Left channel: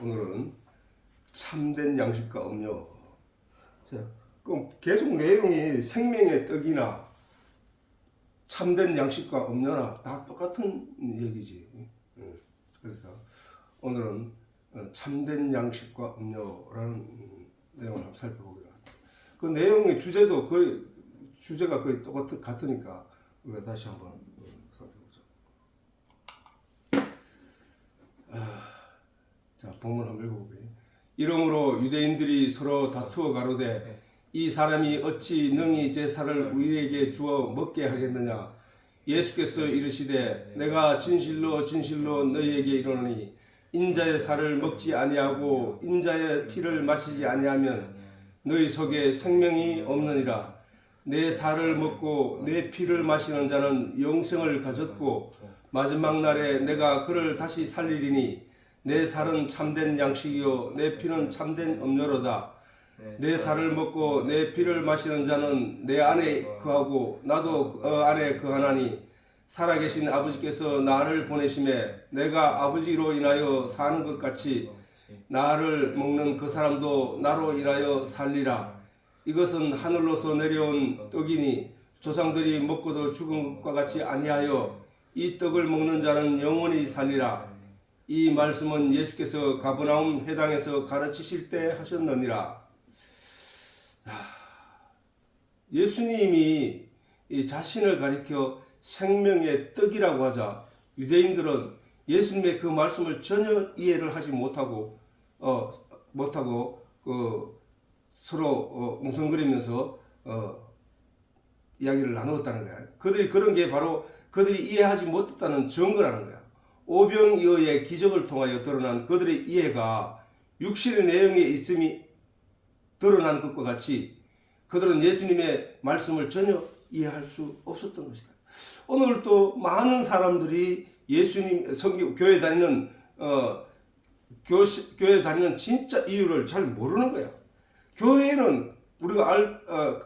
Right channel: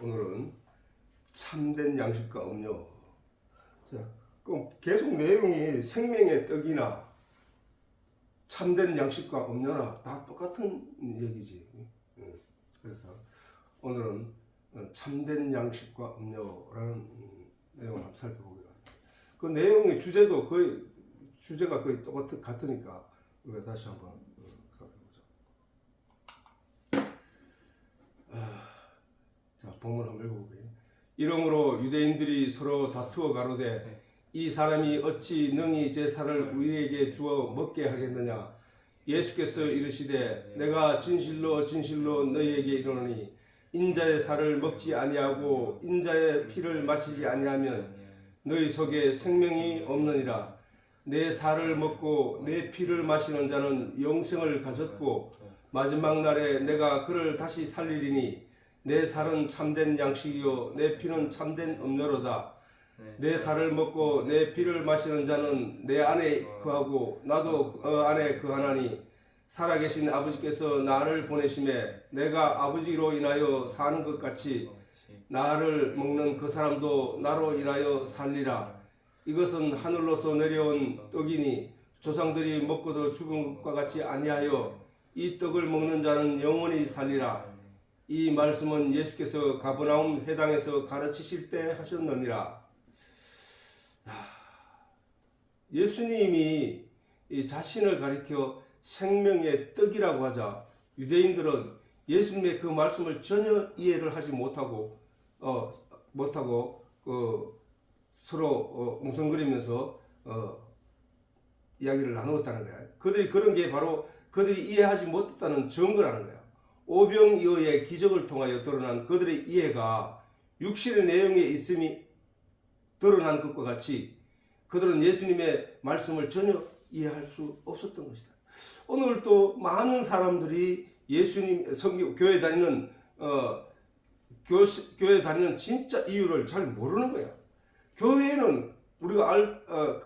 오늘은 참된 양식과 음료. 자, 그럼 계속 내용이 생명의 떡이나 참된 양식과 음료나 다 똑같은 얘기지. 그래서 오늘은 참된 양식과 음료라는 내용을 한번 살펴보기로 합니다. 그 내용의 주제도 거의 주제가 거의 같으니까 우리가 다시 한번 살펴보자. 자, 본문 한번 읽어볼게요. 이러므로 유대인들이 서로 다투어 가로되 이 사람이 어찌 능히 제사를 우리에게 주어 먹게 하겠느냐. 예수께서 이르시되 내가 진실로 진실로 너희에게 이르노니 인자의 살을 먹지 아니하고 인자의 피를 마시지 아니하면 너희 속에 생명이 없느니라. 내 살을 먹고 내 피를 마시는 자는 영생을 가졌고 마지막 날에 내가 그를 다시 살리리니 내 살은 참된 양식이요 내 피는 참된 음료로다. 내 살을 먹고 내 피를 마시는 자는 내 안에 거하고 나도 그 안에 거하나니 살아계신 아버지께서 나를 보내심에 내가 아버지로 인하여 사는 것 같이 나를 먹는 그 사람도 나로 인하여 살리라. 이것은 하늘로서 내려온 떡이니 조상들이 먹고도 죽은 것과 같이 아니하여 이 떡을 먹는 자는 영원히 살리라. 이 말씀은 예수께서 가버나움 회당에서 가르치실 때 하셨느니라. 예수님이 자신을 가리켜 생명의 떡이라고 하자 유대인들은 예수님의 그 말씀을 전혀 이해를 하지 못하고 서로 웅성거리면서 이야기를 나누었다는 거야. 그들이 그런 게 바로 그들이 이해하지 못했다는 증거라는 거야. 오병이어의 기적을 통하여 드러난 그들의 이해가 육신의 내용에 있음이 드러난 것과 같이 그들은 예수님의 말씀을 전혀 이해할 수 없었던 것이다. 오늘 또 많은 사람들이 예수님 교회 다니는 교회 다니는 진짜 이유를 잘 모르는 거야. 교회는 우리가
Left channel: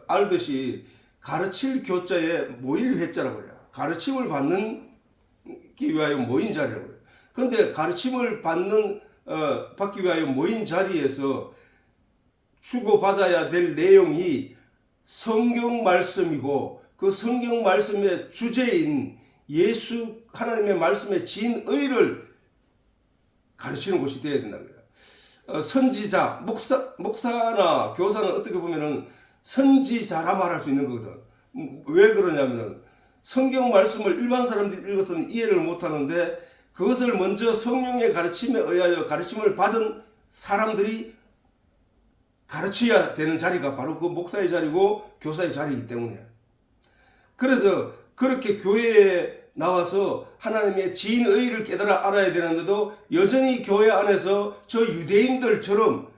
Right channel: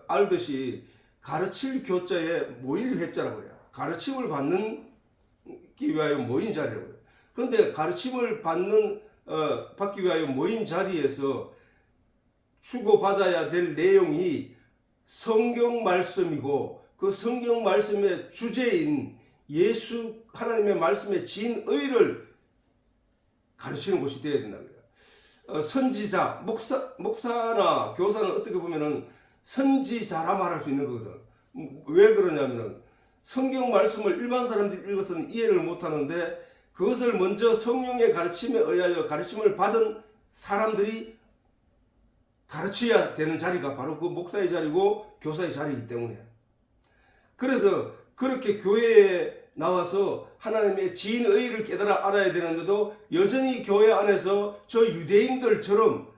알듯이 가르칠 교자에 모일 회자라고 그래요. 가르침을 받는 위하여 모인 자리라고 그래요. 그런데 가르침을 받기 위하여 모인 자리에서 주고받아야 될 내용이 성경 말씀이고 그 성경 말씀의 주제인 예수 하나님의 말씀의 진의를 가르치는 곳이 되어야 된다는 거예요. 선지자, 목사나 교사는 어떻게 보면은 선지자라 말할 수 있는 거거든. 왜 그러냐면은 성경 말씀을 일반 사람들이 읽어서는 이해를 못하는데 그것을 먼저 성령의 가르침에 의하여 가르침을 받은 사람들이 가르쳐야 되는 자리가 바로 그 목사의 자리고 교사의 자리이기 때문에 그래서 그렇게 교회에 나와서 하나님의 진의를 깨달아 알아야 되는데도 여전히 교회 안에서 저 유대인들처럼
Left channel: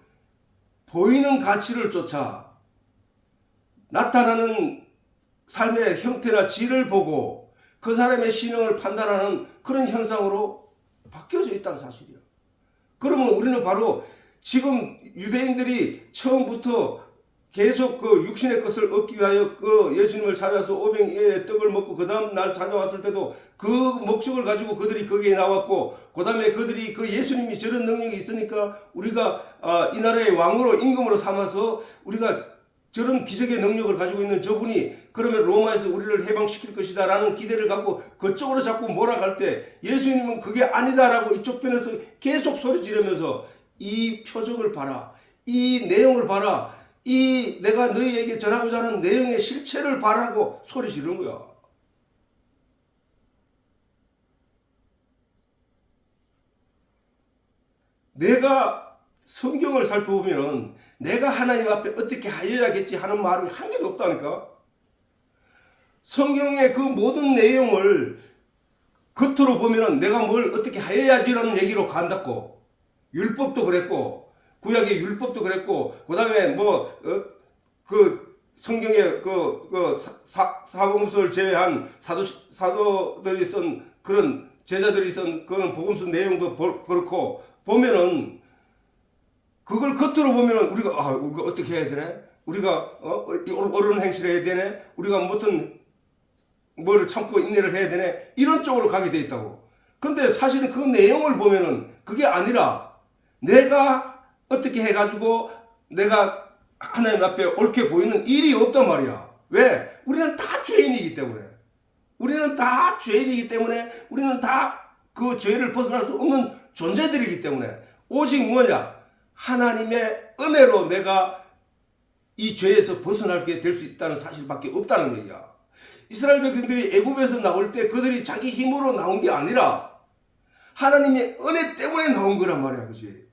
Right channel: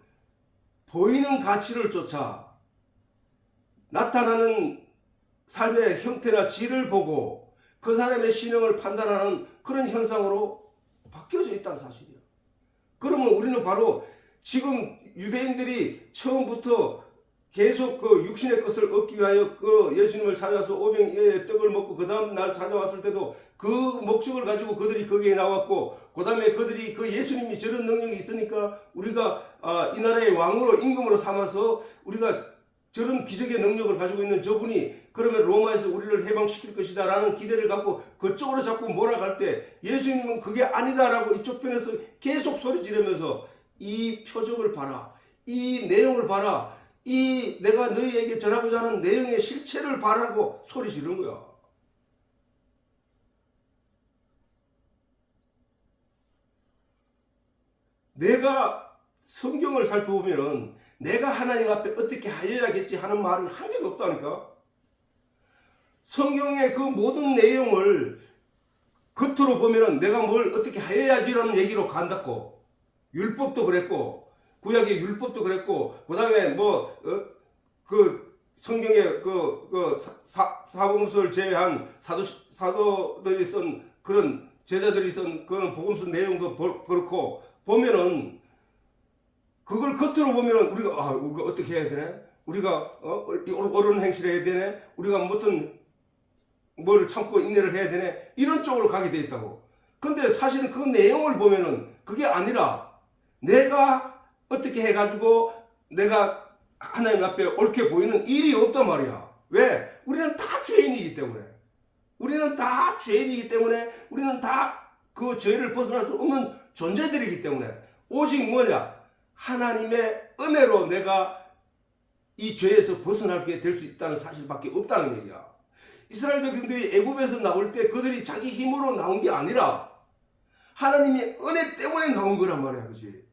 보이는 가치를 쫓아 나타나는 삶의 형태나 질을 보고 그 사람의 신앙을 판단하는 그런 현상으로 바뀌어져 있다는 사실이야. 그러면 우리는 바로 지금 유대인들이 처음부터 계속 그 육신의 것을 얻기 위하여 그 예수님을 찾아서 오병이어의 떡을 먹고 그 다음 날 찾아왔을 때도 그 목적을 가지고 그들이 거기에 나왔고 그 다음에 그들이 그 예수님이 저런 능력이 있으니까 우리가 이 나라의 왕으로 임금으로 삼아서 우리가 저런 기적의 능력을 가지고 있는 저분이 그러면 로마에서 우리를 해방시킬 것이다 라는 기대를 갖고 그쪽으로 자꾸 몰아갈 때 예수님은 그게 아니다라고 이쪽 편에서 계속 소리 지르면서 이 표적을 봐라, 이 내용을 봐라, 이 내가 너희에게 전하고자 하는 내용의 실체를 봐라고 소리 지르는 거야. 내가 성경을 살펴보면 내가 하나님 앞에 어떻게 하여야겠지 하는 말이 한 개도 없다니까. 성경의 그 모든 내용을 겉으로 보면 내가 뭘 어떻게 하여야지라는 얘기로 간다고. 율법도 그랬고 구약의 율법도 그랬고 그 다음에 그 성경의 사복음서를 제외한 사도들이 쓴 그런 제자들이 쓴 그런 복음서 내용도 그렇고 보면은 그걸 겉으로 보면 우리가 어떻게 해야 되네? 우리가 옳은 행실을 해야 되네? 우리가 무슨 뭐를 참고 인내를 해야 되네? 이런 쪽으로 가게 돼 있다고. 근데 사실은 그 내용을 보면은 그게 아니라 내가 어떻게 해가지고 내가 하나님 앞에 옳게 보이는 일이 없단 말이야. 왜? 우리는 다 죄인이기 때문에. 우리는 다 죄인이기 때문에 우리는 다 그 죄를 벗어날 수 없는 존재들이기 때문에 오직 뭐냐? 하나님의 은혜로 내가 이 죄에서 벗어나게 될 수 있다는 사실밖에 없다는 얘기야. 이스라엘 백성들이 애굽에서 나올 때 그들이 자기 힘으로 나온 게 아니라 하나님의 은혜 때문에 나온 거란 말이야. 그지?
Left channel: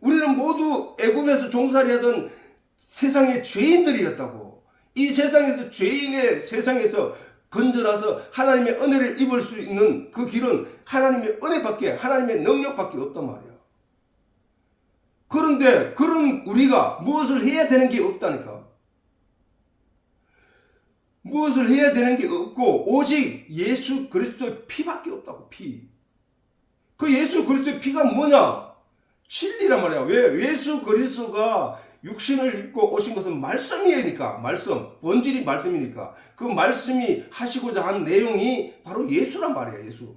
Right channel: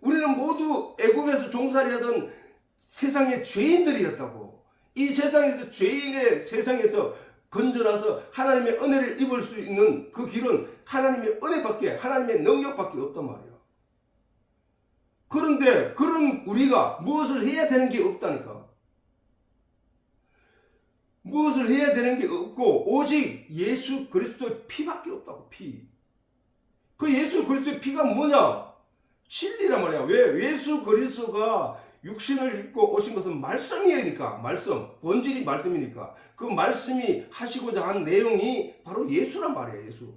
우리는 모두 애굽에서 종살이하던 세상의 죄인들이었다고. 이 세상에서 죄인의 세상에서 건져나서 하나님의 은혜를 입을 수 있는 그 길은 하나님의 은혜밖에, 하나님의 능력밖에 없단 말이야. 그런데 그런 우리가 무엇을 해야 되는 게 없다니까. 무엇을 해야 되는 게 없고 오직 예수 그리스도의 피밖에 없다고. 피. 그 예수 그리스도의 피가 뭐냐? 진리란 말이야. 왜? 예수 그리스도가 육신을 입고 오신 것은 말씀이니까. 말씀. 본질이 말씀이니까. 그 말씀이 하시고자 한 내용이 바로 예수란 말이야. 예수.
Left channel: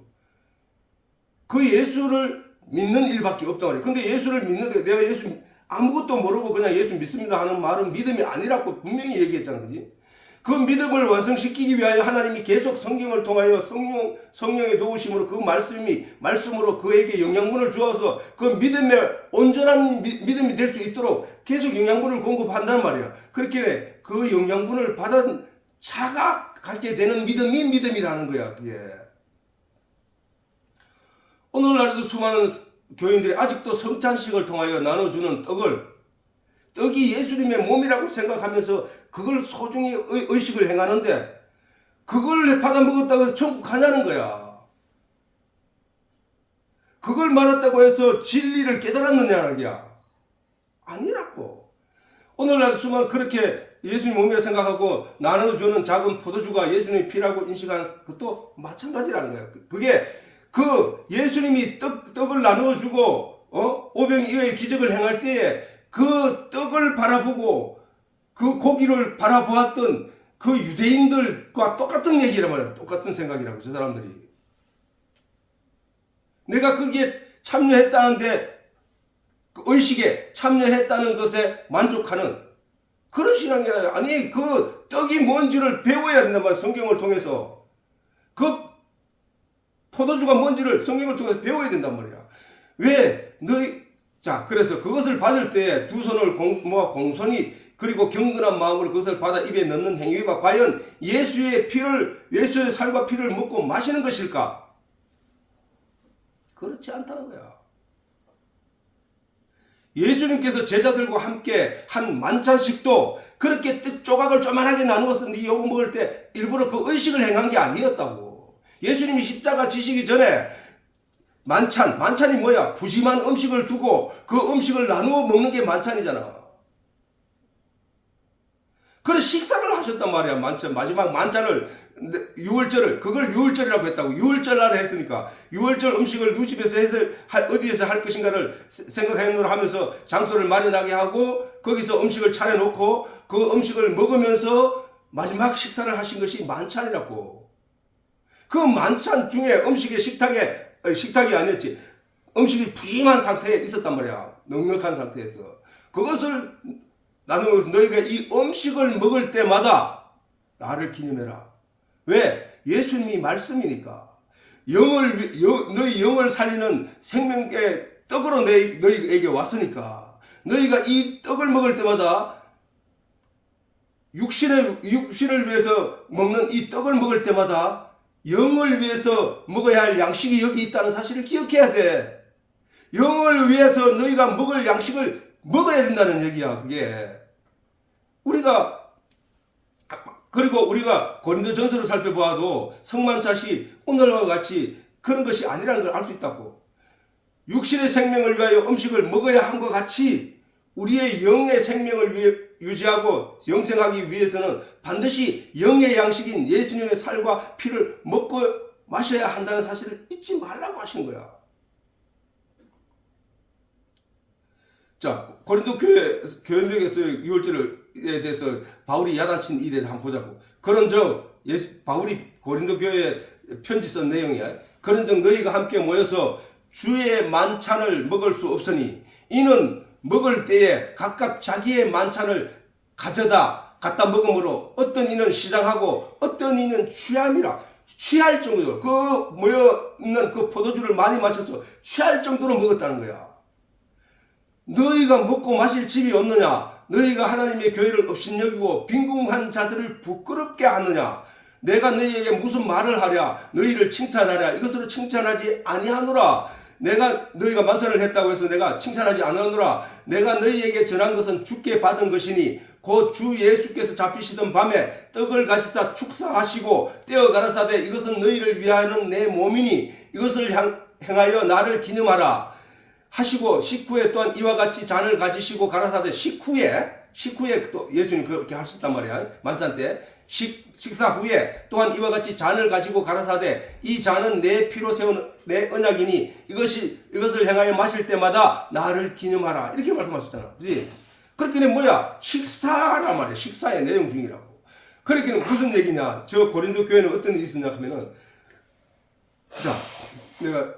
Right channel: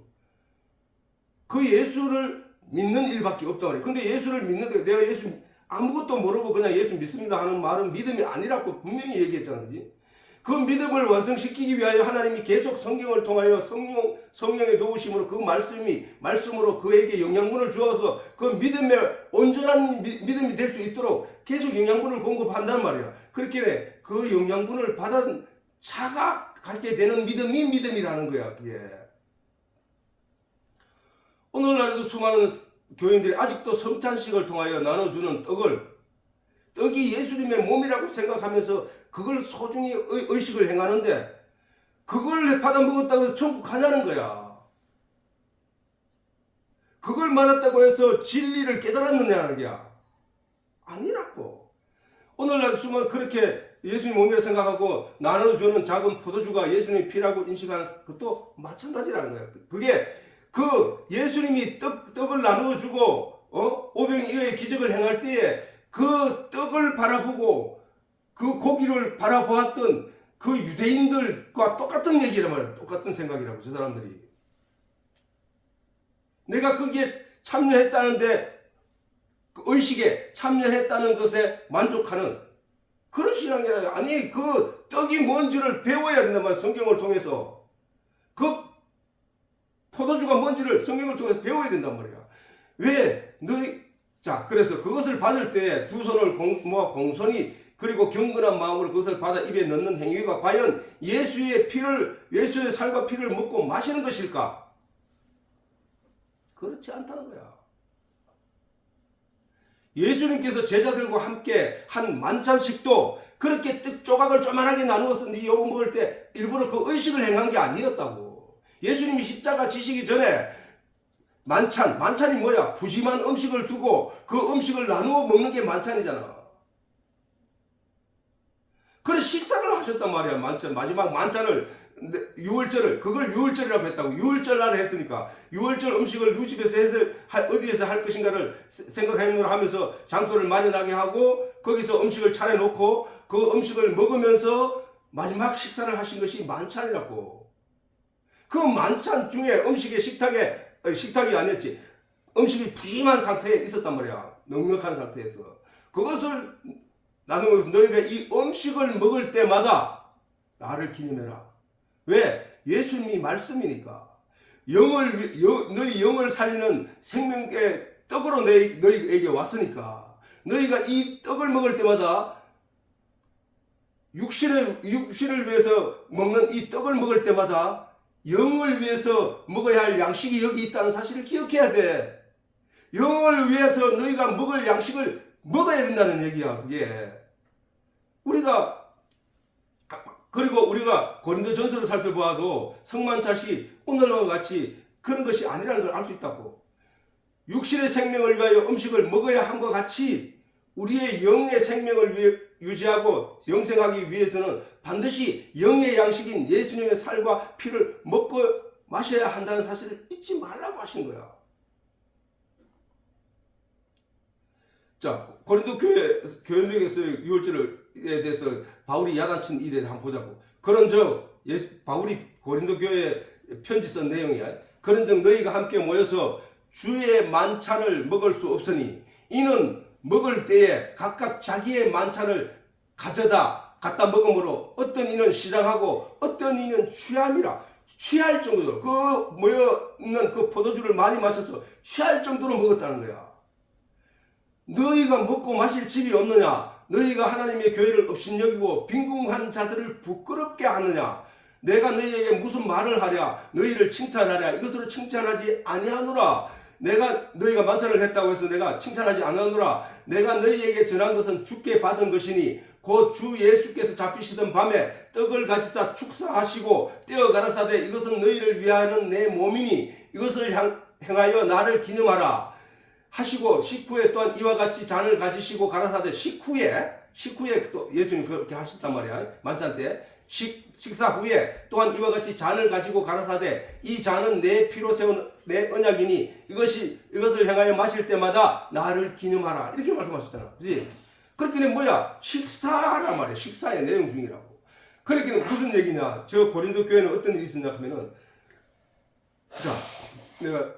그 예수를 믿는 일밖에 없단 말이야. 근데 예수를 믿는데 내가 예수 아무것도 모르고 그냥 예수 믿습니다 하는 말은 믿음이 아니라고 분명히 얘기했잖아. 그지? 그 믿음을 완성시키기 위하여 하나님이 계속 성경을 통하여 성령의 도우심으로 그 말씀으로 그에게 영양분을 주어서 그 믿음의 온전한 믿음이 될 수 있도록 계속 영양분을 공급한단 말이야. 그렇게 그 영양분을 받은 자가 갖게 되는 믿음이 믿음이라는 거야. 그게. 오늘날에도 수많은 교인들이 아직도 성찬식을 통하여 나눠주는 떡이 예수님의 몸이라고 생각하면서 그걸 소중히 의식을 행하는데 그걸 받아 먹었다고 해서 천국 가냐는 거야. 그걸 맞았다고 해서 진리를 깨달았느냐는 거야. 아니라고. 오늘날 수많은 그렇게 예수님 몸이라 생각하고 나눠주는 작은 포도주가 예수님의 피라고 인식하는 것도 마찬가지라는 거야. 그게 그 예수님이 떡을 나누어주고 오병이어의 기적을 행할 때에 그 떡을 바라보고 그 고기를 바라보았던 그 유대인들과 똑같은 얘기란 말이야. 똑같은 생각이라고. 저 사람들이. 내가 거기에 참여했다는데 그 의식에 참여했다는 것에 만족하는 그런 신앙이 아니라 아니 그 떡이 뭔지를 배워야 된단 말이야. 성경을 통해서. 그 포도주가 뭔지를 성경을 통해서 배워야 된단 말이야. 왜? 자, 그래서 그것을 받을 때 두 손을 공손히 그리고 경건한 마음으로 그것을 받아 입에 넣는 행위가 과연 예수의 살과 피를 먹고 마시는 것일까? 그렇지 않다는 거야. 예수님께서 제자들과 함께 한 만찬식도 그렇게 떡 조각을 조만하게 나누어서 이거 먹을 때 일부러 그 의식을 행한 게 아니었다고. 예수님이 십자가 지시기 전에 만찬이 뭐야? 푸짐한 음식을 두고 그 음식을 나누어 먹는 게 만찬이잖아. 그래 식사를 하셨단 말이야. 마지막 만찬을 그걸 유월절이라고 했다고. 유월절날 했으니까 유월절 음식을 누 집에서 해서 어디에서 할 것인가를 생각해놓으라 하면서 장소를 마련하게 하고 거기서 음식을 차려놓고 그 음식을 먹으면서 마지막 식사를 하신 것이 만찬이라고. 그 만찬 중에 식탁이 아니었지. 음식이 푸짐한 상태에 있었단 말이야. 넉넉한 상태에서. 그것을 나누면서 너희가 이 음식을 먹을 때마다 나를 기념해라. 왜? 예수님이 말씀이니까. 너희 영을 살리는 생명의 떡으로 너희에게 왔으니까. 너희가 이 떡을 먹을 때마다 육신을 위해서 먹는 이 떡을 먹을 때마다 영을 위해서 먹어야 할 양식이 여기 있다는 사실을 기억해야 돼. 영을 위해서 너희가 먹을 양식을 먹어야 된다는 얘기야. 그게 그리고 우리가 고린도전서를 살펴보아도 성만찬이 오늘과 같이 그런 것이 아니라는 걸 알 수 있다고. 육신의 생명을 위하여 음식을 먹어야 한것 같이 우리의 영의 생명을 유지하고 영생하기 위해서는 반드시 영의 양식인 예수님의 살과 피를 먹고 마셔야 한다는 사실을 잊지 말라고 하신 거야. 자, 고린도 교회에서 유월절에 대해서 바울이 야단친 일에 한번 보자고. 바울이 고린도 교회에 편지 쓴 내용이야. 그런즉 너희가 함께 모여서 주의 만찬을 먹을 수 없으니 이는 먹을 때에 각각 자기의 만찬을 갖다 먹으므로 어떤 이는 시장하고 어떤 이는 취함이라. 취할 정도로 그 모여 있는 그 포도주를 많이 마셔서 취할 정도로 먹었다는 거야. 너희가 먹고 마실 집이 없느냐? 너희가 하나님의 교회를 업신여기고 빈궁한 자들을 부끄럽게 하느냐? 내가 너희에게 무슨 말을 하랴? 너희를 칭찬하랴? 이것으로 칭찬하지 아니하노라. 너희가 만찬을 했다고 해서 내가 칭찬하지 않으노라. 내가 너희에게 전한 것은 주께 받은 것이니 곧 주 예수께서 잡히시던 밤에 떡을 가시사 축사하시고 떼어 가라사대 이것은 너희를 위하여는 내 몸이니 이것을 행하여 나를 기념하라 하시고 식후에 또한 이와 같이 잔을 가지시고 가라사대 식후에 또 예수님 그렇게 하셨단 말이야. 만찬 때 식사 후에 또한 이와 같이 잔을 가지고 가라사대 이 잔은 내 피로 세운 내 언약이니 이것을 행하여 마실 때마다 나를 기념하라. 이렇게 말씀하셨잖아. 그렇지? 그렇게는 뭐야? 식사란 말이야. 식사의 내용 중이라고. 그렇게는 무슨 얘기냐? 저 고린도 교회는 어떤 일이 있었냐 하면은, 자, 내가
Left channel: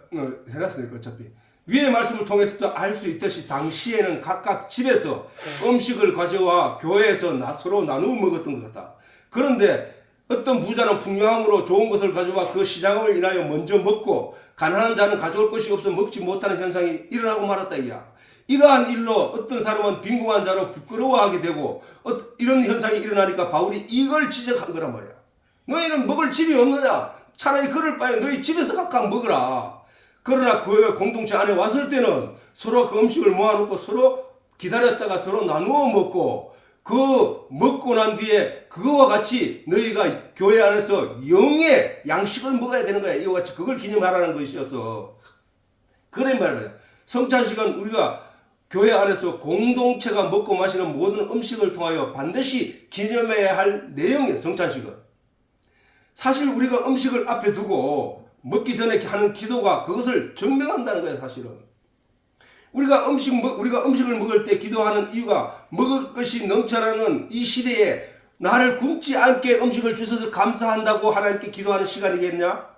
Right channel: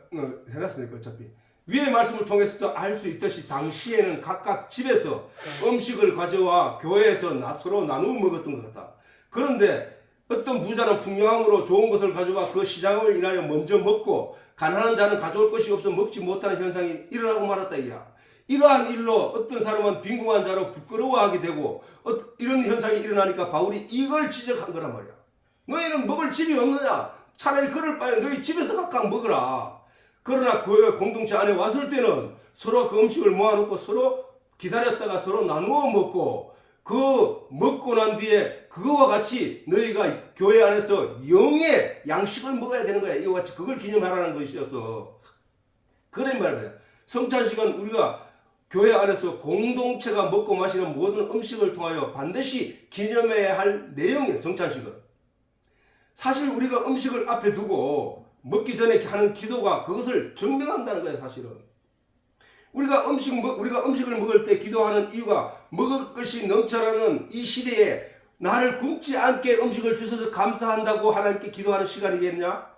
해놨으니까 어차피 위의 말씀을 통해서도 알 수 있듯이 당시에는 각각 집에서 음식을 가져와 교회에서 서로 나누어 먹었던 것 같다. 그런데 어떤 부자는 풍요함으로 좋은 것을 가져와 그 시장을 인하여 먼저 먹고 가난한 자는 가져올 것이 없어 먹지 못하는 현상이 일어나고 말았다 이야. 이러한 일로 어떤 사람은 빈궁한 자로 부끄러워하게 되고 이런 현상이 일어나니까 바울이 이걸 지적한 거란 말이야. 너희는 먹을 집이 없느냐? 차라리 그럴 바에 너희 집에서 각각 먹으라. 그러나 교회 공동체 안에 왔을 때는 서로 그 음식을 모아놓고 서로 기다렸다가 서로 나누어 먹고 그 먹고 난 뒤에 그거와 같이 너희가 교회 안에서 영의 양식을 먹어야 되는 거야. 이와 같이 그걸 기념하라는 것이어서 그런 말이야. 성찬식은 우리가 교회 안에서 공동체가 먹고 마시는 모든 음식을 통하여 반드시 기념해야 할 내용이에요. 성찬식은. 사실 우리가 음식을 앞에 두고 먹기 전에 하는 기도가 그것을 증명한다는 거예요. 사실은. 우리가 음식을 먹을 때 기도하는 이유가 먹을 것이 넘쳐나는 이 시대에 나를 굶지 않게 음식을 주셔서 감사한다고 하나님께 기도하는 시간이겠냐?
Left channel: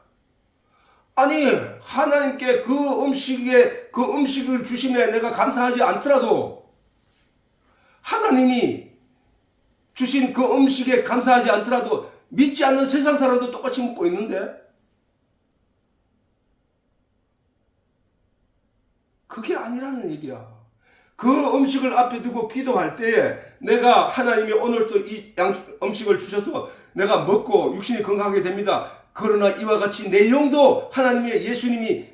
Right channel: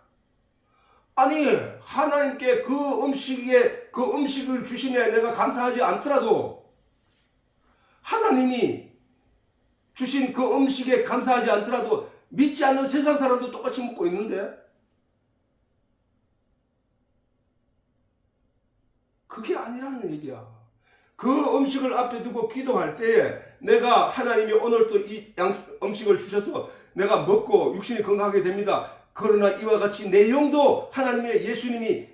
아니, 하나님께 그 음식을 주심에 내가 감사하지 않더라도 하나님이 주신 그 음식에 감사하지 않더라도 믿지 않는 세상 사람도 똑같이 먹고 있는데 그게 아니라는 얘기야. 그 음식을 앞에 두고 기도할 때에 내가 하나님이 오늘 또 이 음식을 주셔서 내가 먹고 육신이 건강하게 됩니다. 그러나 이와 같이 내 영도 하나님의 예수님이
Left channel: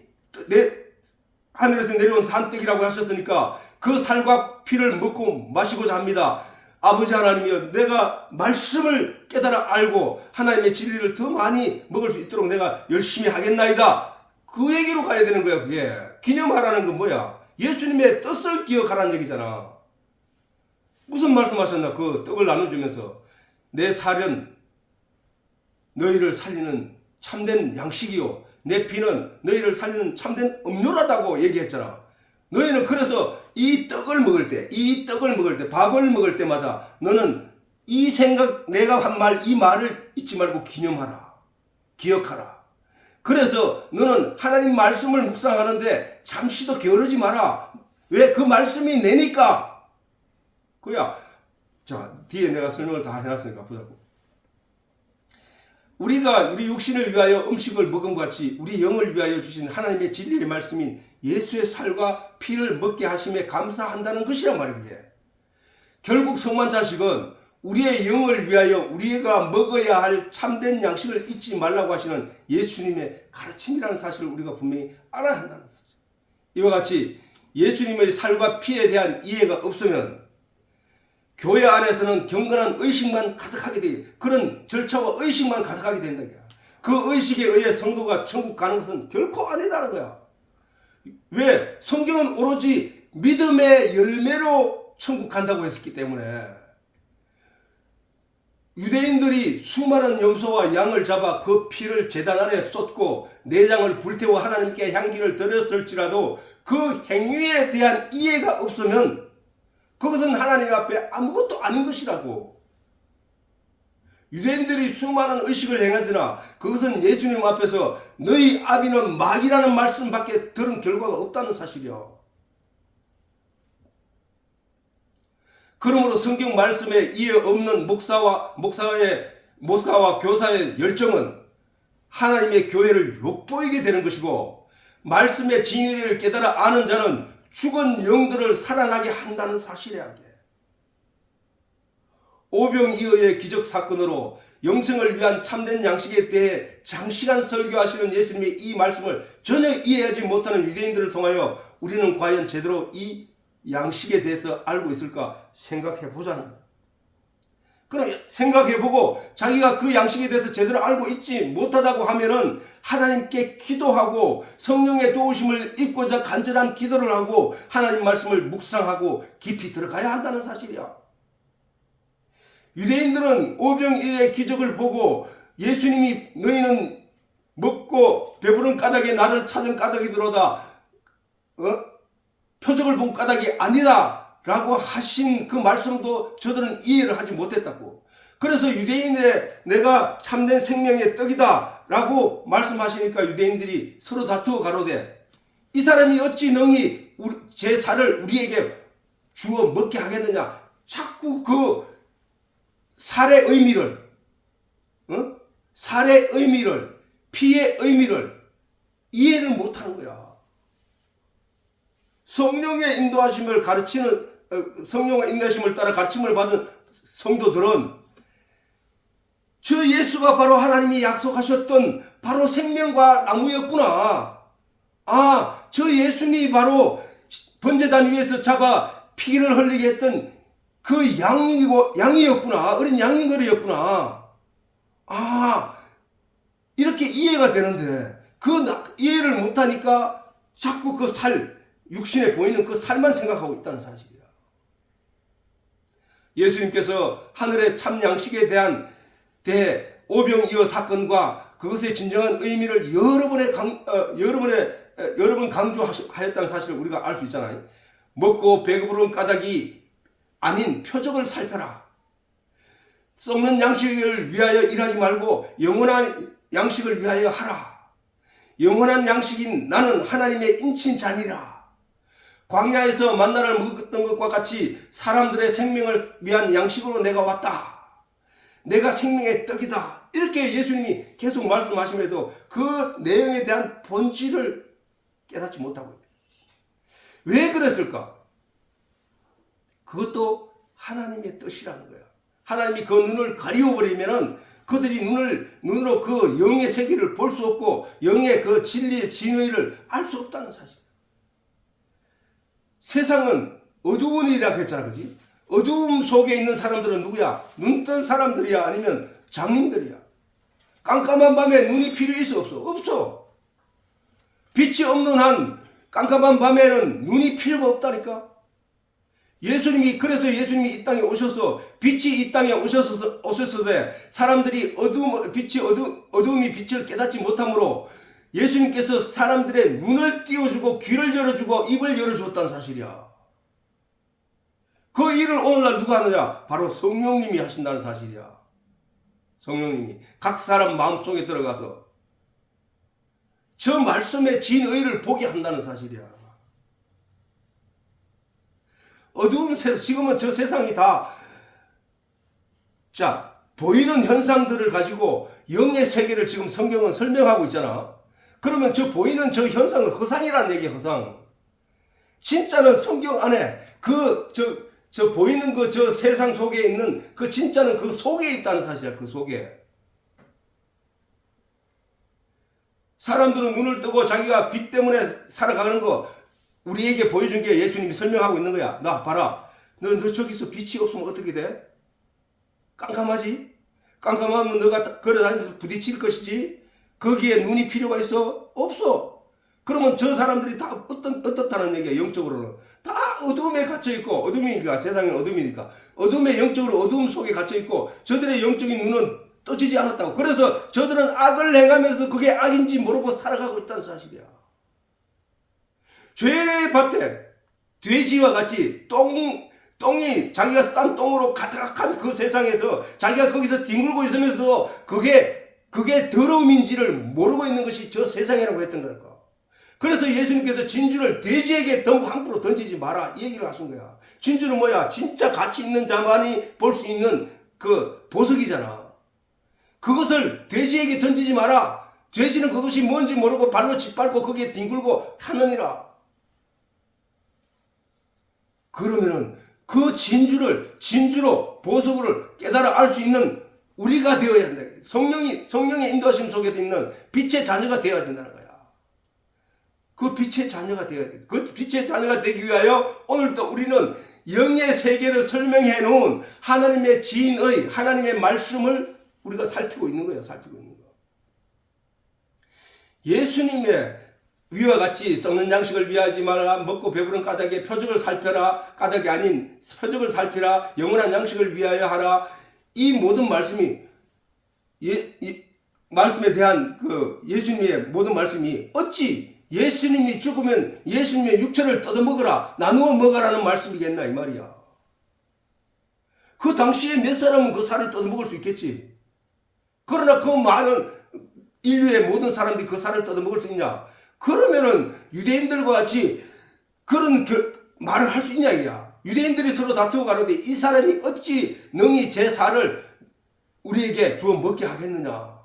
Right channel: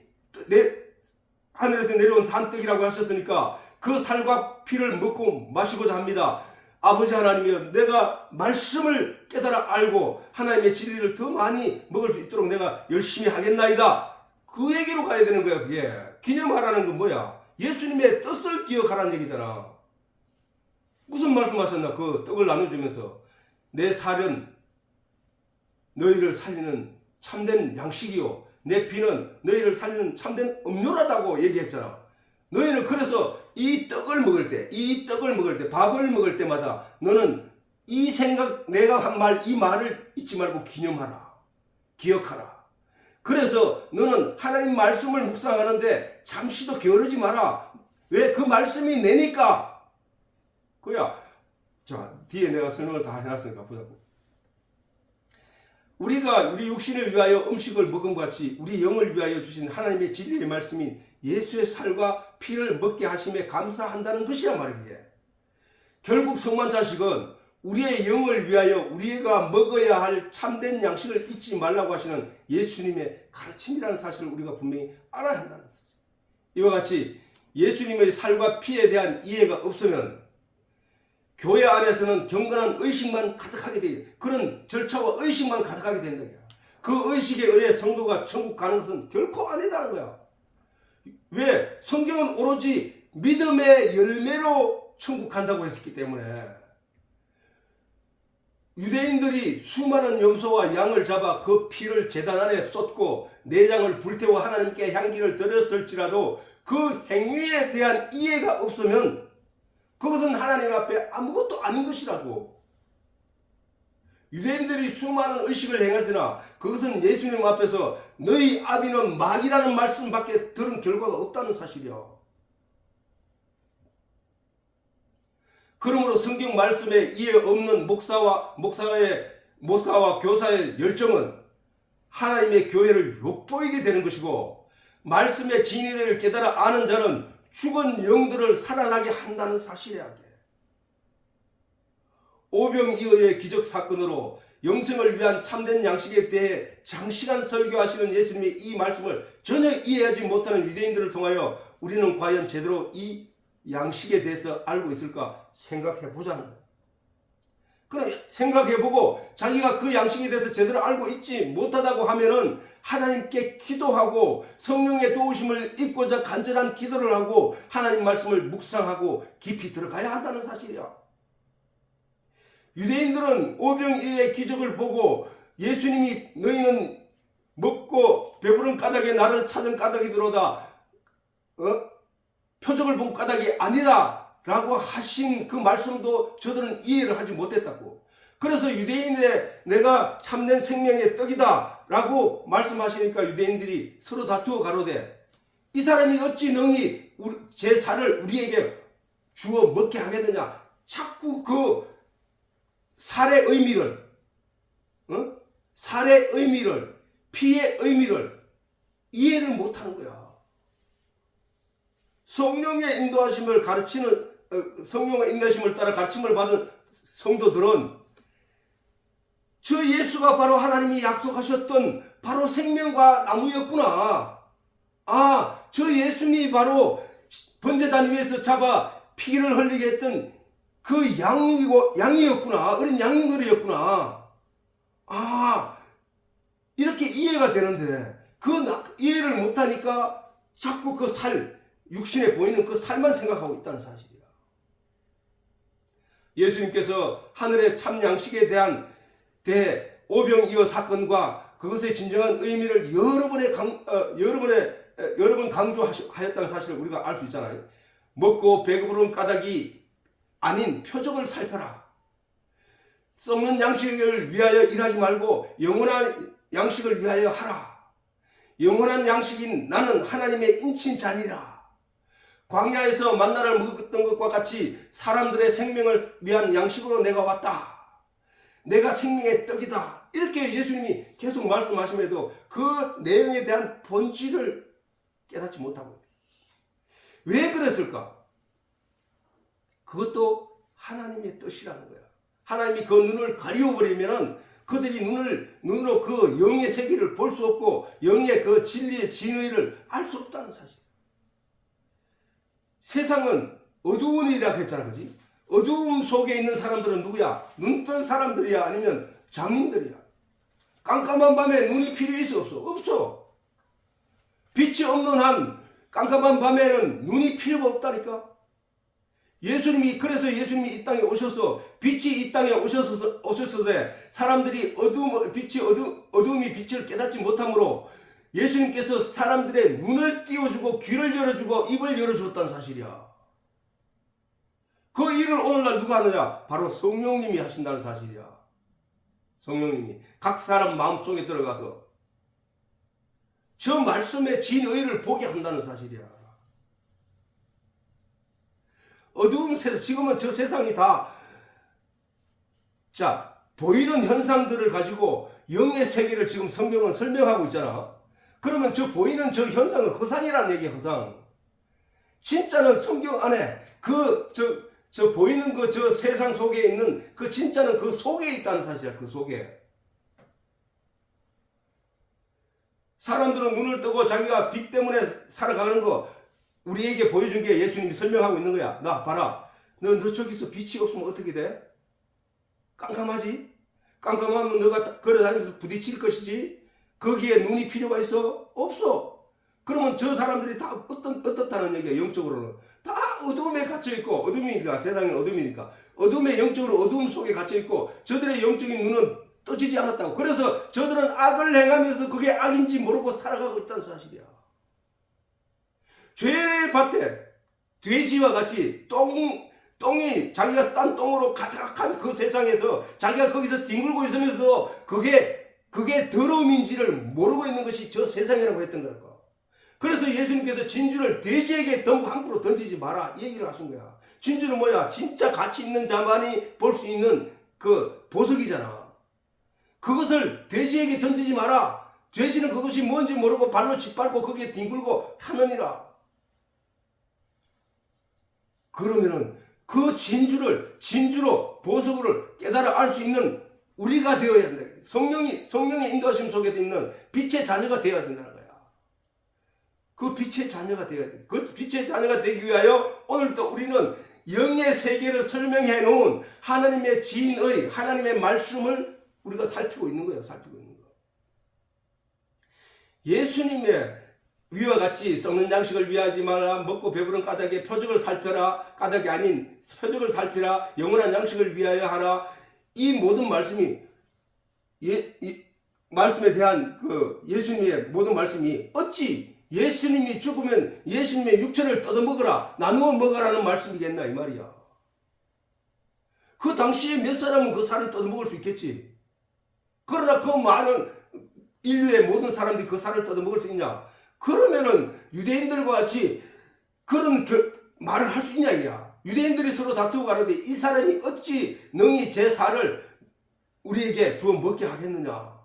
하늘에서 내려온 산떡이라고 하셨으니까 그 살과 피를 먹고 마시고자 합니다. 아버지 하나님이여, 내가 말씀을 깨달아 알고 하나님의 진리를 더 많이 먹을 수 있도록 내가 열심히 하겠나이다. 그 얘기로 가야 되는 거야. 그게 기념하라는 건 뭐야? 예수님의 뜻을 기억하라는 얘기잖아. 무슨 말씀하셨나? 그 떡을 나눠주면서 내 살은 너희를 살리는 참된 양식이요 내 피는 너희를 살리는 참된 음료라다고 얘기했잖아. 너희는 그래서 이 떡을 먹을 때 밥을 먹을 때마다 너는 이 생각, 내가 한 말, 이 말을 잊지 말고 기념하라. 기억하라. 그래서 너는 하나님 말씀을 묵상하는데 잠시도 게으르지 마라. 왜? 그 말씀이 내니까. 그야. 자, 뒤에 내가 설명을 다 해놨으니까 보자고. 우리가 우리 육신을 위하여 음식을 먹음과 같이 우리 영을 위하여 주신 하나님의 진리의 말씀이 예수의 살과 피를 먹게 하심에 감사한다는 것이란 말이에요. 결국 성만찬식은 우리의 영을 위하여 우리가 먹어야 할 참된 양식을 잊지 말라고 하시는 예수님의 가르침이라는 사실을 우리가 분명히 알아야 한다는 것이죠. 이와 같이 예수님의 살과 피에 대한 이해가 없으면 교회 안에서는 경건한 의식만 가득하게 되고 그런 절차와 의식만 가득하게 된다. 그 의식에 의해 성도가 천국 가는 것은 결코 아니다는 거야. 왜? 성경은 오로지 믿음의 열매로 천국 간다고 했기 때문에 유대인들이 수많은 염소와 양을 잡아 그 피를 제단 안에 쏟고 내장을 불태워 하나님께 향기를 드렸을지라도 그 행위에 대한 이해가 없으면 그것은 하나님 앞에 아무것도 아닌 것이라고. 유대인들이 수많은 의식을 행하으나 그것은 예수님 앞에서 너희 아비는 마귀라는 말씀밖에 들은 결과가 없다는 사실이야. 그러므로 성경 말씀에 이해 없는 목사와 교사의 열정은 하나님의 교회를 욕보이게 되는 것이고, 말씀의 진리를 깨달아 아는 자는 죽은 영들을 살아나게 한다는 사실이야. 오병이어의 기적 사건으로 영생을 위한 참된 양식에 대해 장시간 설교하시는 예수님의 이 말씀을 전혀 이해하지 못하는 유대인들을 통하여 우리는 과연 제대로 이 양식에 대해서 알고 있을까 생각해 보자는 거예요. 그럼 생각해보고 자기가 그 양식에 대해서 제대로 알고 있지 못하다고 하면은 하나님께 기도하고 성령의 도우심을 입고자 간절한 기도를 하고 하나님 말씀을 묵상하고 깊이 들어가야 한다는 사실이야. 유대인들은 오병이어의 기적을 보고 예수님이 너희는 먹고 배부른 까닭에 나를 찾은 까닭이더로다, 표적을 본 까닭이 아니라 라고 하신 그 말씀도 저들은 이해를 하지 못했다고. 그래서 유대인의 내가 참된 생명의 떡이다 라고 말씀하시니까 유대인들이 서로 다투어 가로되 이 사람이 어찌 능히 제 살을 우리에게 주어 먹게 하겠느냐. 자꾸 그 살의 의미를, 살의 의미를, 피의 의미를 이해를 못하는 거야. 성령의 인도하심을 성령의 인도하심을 따라 가르침을 받은 성도들은 저 예수가 바로 하나님이 약속하셨던 바로 생명과 나무였구나. 아, 저 예수님이 바로 번제단 위에서 잡아 피를 흘리게 했던 그 양이었구나. 어린 양인거리였구나. 아, 이렇게 이해가 되는데 그 이해를 못하니까 자꾸 그 육신에 보이는 그 살만 생각하고 있다는 사실이야. 예수님께서 하늘의 참 양식에 대해 오병이어 사건과 그것의 진정한 의미를 여러 번 강조하였다는 사실을 우리가 알 수 있잖아요. 먹고 배부른 까닭이 아닌 표적을 살펴라. 썩는 양식을 위하여 일하지 말고 영원한 양식을 위하여 하라. 영원한 양식인 나는 하나님의 인친 잔이라. 광야에서 만나를 먹었던 것과 같이 사람들의 생명을 위한 양식으로 내가 왔다. 내가 생명의 떡이다. 이렇게 예수님이 계속 말씀하심에도 그 내용에 대한 본질을 깨닫지 못하고 있다. 왜 그랬을까? 그것도 하나님의 뜻이라는 거야. 하나님이 그 눈을 가리워버리면은 그들이 눈으로 그 영의 세계를 볼 수 없고 영의 그 진리의 진의를 알 수 없다는 사실. 세상은 어두운 일이라고 했잖아, 그지? 어두움 속에 있는 사람들은 누구야? 눈 뜬 사람들이야? 아니면 장님들이야? 깜깜한 밤에 눈이 필요 있어? 없어? 없어. 빛이 없는 한 깜깜한 밤에는 눈이 필요가 없다니까. 그래서 예수님이 이 땅에 오셔서 빛이 이 땅에 오셨을 사람들이 어두움이 빛을 깨닫지 못하므로 예수님께서 사람들의 눈을 띄워주고 귀를 열어주고 입을 열어주었다는 사실이야. 그 일을 오늘날 누가 하느냐? 바로 성령님이 하신다는 사실이야. 성령님이 각 사람 마음속에 들어가서 저 말씀의 진의를 보게 한다는 사실이야. 어두운 세상, 지금은 저 세상이 다 보이는 현상들을 가지고 영의 세계를 지금 성경은 설명하고 있잖아. 그러면 저 보이는 저 현상은 허상이라는 얘기야, 허상. 진짜는 성경 안에 저 보이는 저 세상 속에 있는 그 진짜는 그 속에 있다는 사실이야, 그 속에. 사람들은 눈을 뜨고 자기가 빛 때문에 살아가는 거 우리에게 보여준 게 예수님이 설명하고 있는 거야. 나 봐라. 너 저기서 빛이 없으면 어떻게 돼? 깜깜하지? 깜깜하면 너가 걸어다니면서 부딪힐 것이지. 거기에 눈이 필요가 있어? 없어. 그러면 저 사람들이 다 어떻다는 얘기야, 영적으로는. 다 어둠에 갇혀있고, 어둠이니까, 세상이 어둠이니까. 어둠에 영적으로 어둠 속에 갇혀있고, 저들의 영적인 눈은 떠지지 않았다고. 그래서 저들은 악을 행하면서 그게 악인지 모르고 살아가고 있다는 사실이야. 죄의 밭에 돼지와 같이 똥이 자기가 싼 똥으로 가득한 그 세상에서 자기가 거기서 뒹굴고 있으면서도 그게 더러움인지를 모르고 있는 것이 저 세상이라고 했던 거랄까. 그래서 예수님께서 진주를 돼지에게 함부로 던지지 마라 이 얘기를 하신 거야. 진주는 뭐야? 진짜 가치 있는 자만이 볼 수 있는 그 보석이잖아. 그것을 돼지에게 던지지 마라. 돼지는 그것이 뭔지 모르고 발로 짓밟고 거기에 뒹굴고 하느니라. 그러면은 그 진주로 보석을 깨달아 알 수 있는 우리가 되어야 된다. 성령의 인도하심 속에 있는 빛의 자녀가 되어야 된다는 거야. 그 빛의 자녀가 되어야 돼. 그 빛의 자녀가 되기 위하여 오늘도 우리는 영의 세계를 설명해 놓은 하나님의 지인의 하나님의 말씀을 우리가 살피고 있는 거예요. 살피고 있는 거. 예수님의 위와 같이 썩는 양식을 위하지 말라. 먹고 배부른 까닭에 표적을 살펴라. 까닭이 아닌 표적을 살피라. 영원한 양식을 위하여 하라. 이 모든 말씀이 이 말씀에 대한 그 예수님의 모든 말씀이 어찌 예수님이 죽으면 예수님의 육체를 뜯어먹으라 나누어 먹으라는 말씀이겠나 이 말이야. 그 당시에 몇 사람은 그 살을 뜯어먹을 수 있겠지. 그러나 그 많은 인류의 모든 사람들이 그 살을 뜯어먹을 수 있냐. 그러면은 유대인들과 같이 그런 말을 할 수 있냐 이야. 유대인들이 서로 다투고 가로되 이 사람이 어찌 능히 제 살을 우리에게 주어 먹게 하겠느냐.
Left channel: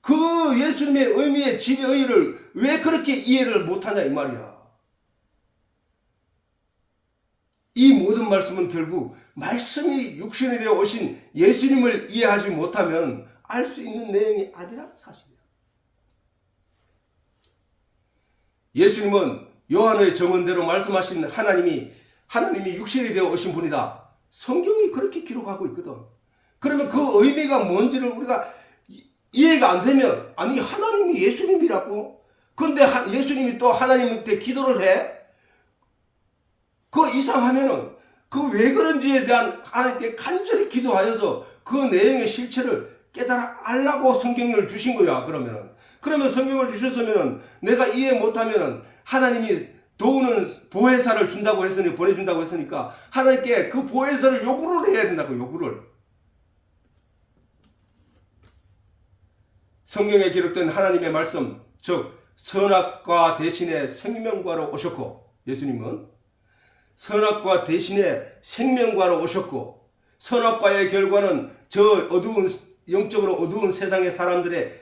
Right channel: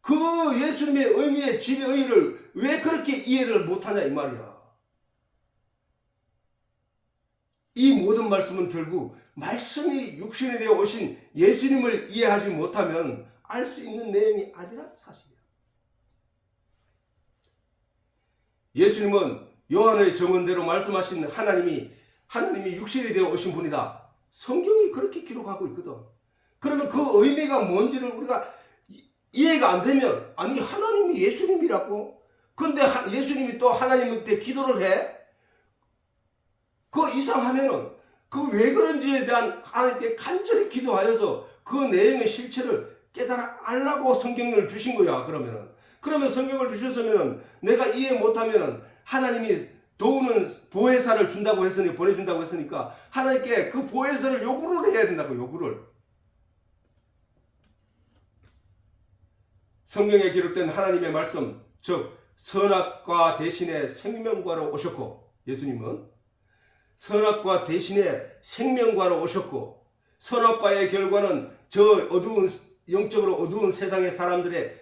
그 예수님의 의미의 진의를 왜 그렇게 이해를 못하냐 이 말이야. 이 모든 말씀은 결국 말씀이 육신이 되어 오신 예수님을 이해하지 못하면 알 수 있는 내용이 아니라 사실이야. 예수님은 요한의 정언대로 말씀하신 하나님이 육신이 되어 오신 분이다. 성경이 그렇게 기록하고 있거든. 그러면 그 의미가 뭔지를 우리가 이해가 안 되면 아니 하나님이 예수님이라고? 근데 예수님이 또 하나님한테 기도를 해? 그 이상하면은 그 왜 그런지에 대한 하나님께 간절히 기도하여서 그 내용의 실체를 깨달아 알라고 성경을 주신 거야. 그러면 성경을 주셨으면은 내가 이해 못하면은 하나님이 도우는 보혜사를 준다고 했으니 보내준다고 했으니까 하나님께 그 보혜사를 요구를 해야 된다고. 요구를. 성경에 기록된 하나님의 말씀, 즉 선악과 대신에 생명과로 오셨고, 예수님은 선악과 대신에 생명과로 오셨고, 선악과의 결과는 저 어두운 영적으로 어두운 세상의 사람들의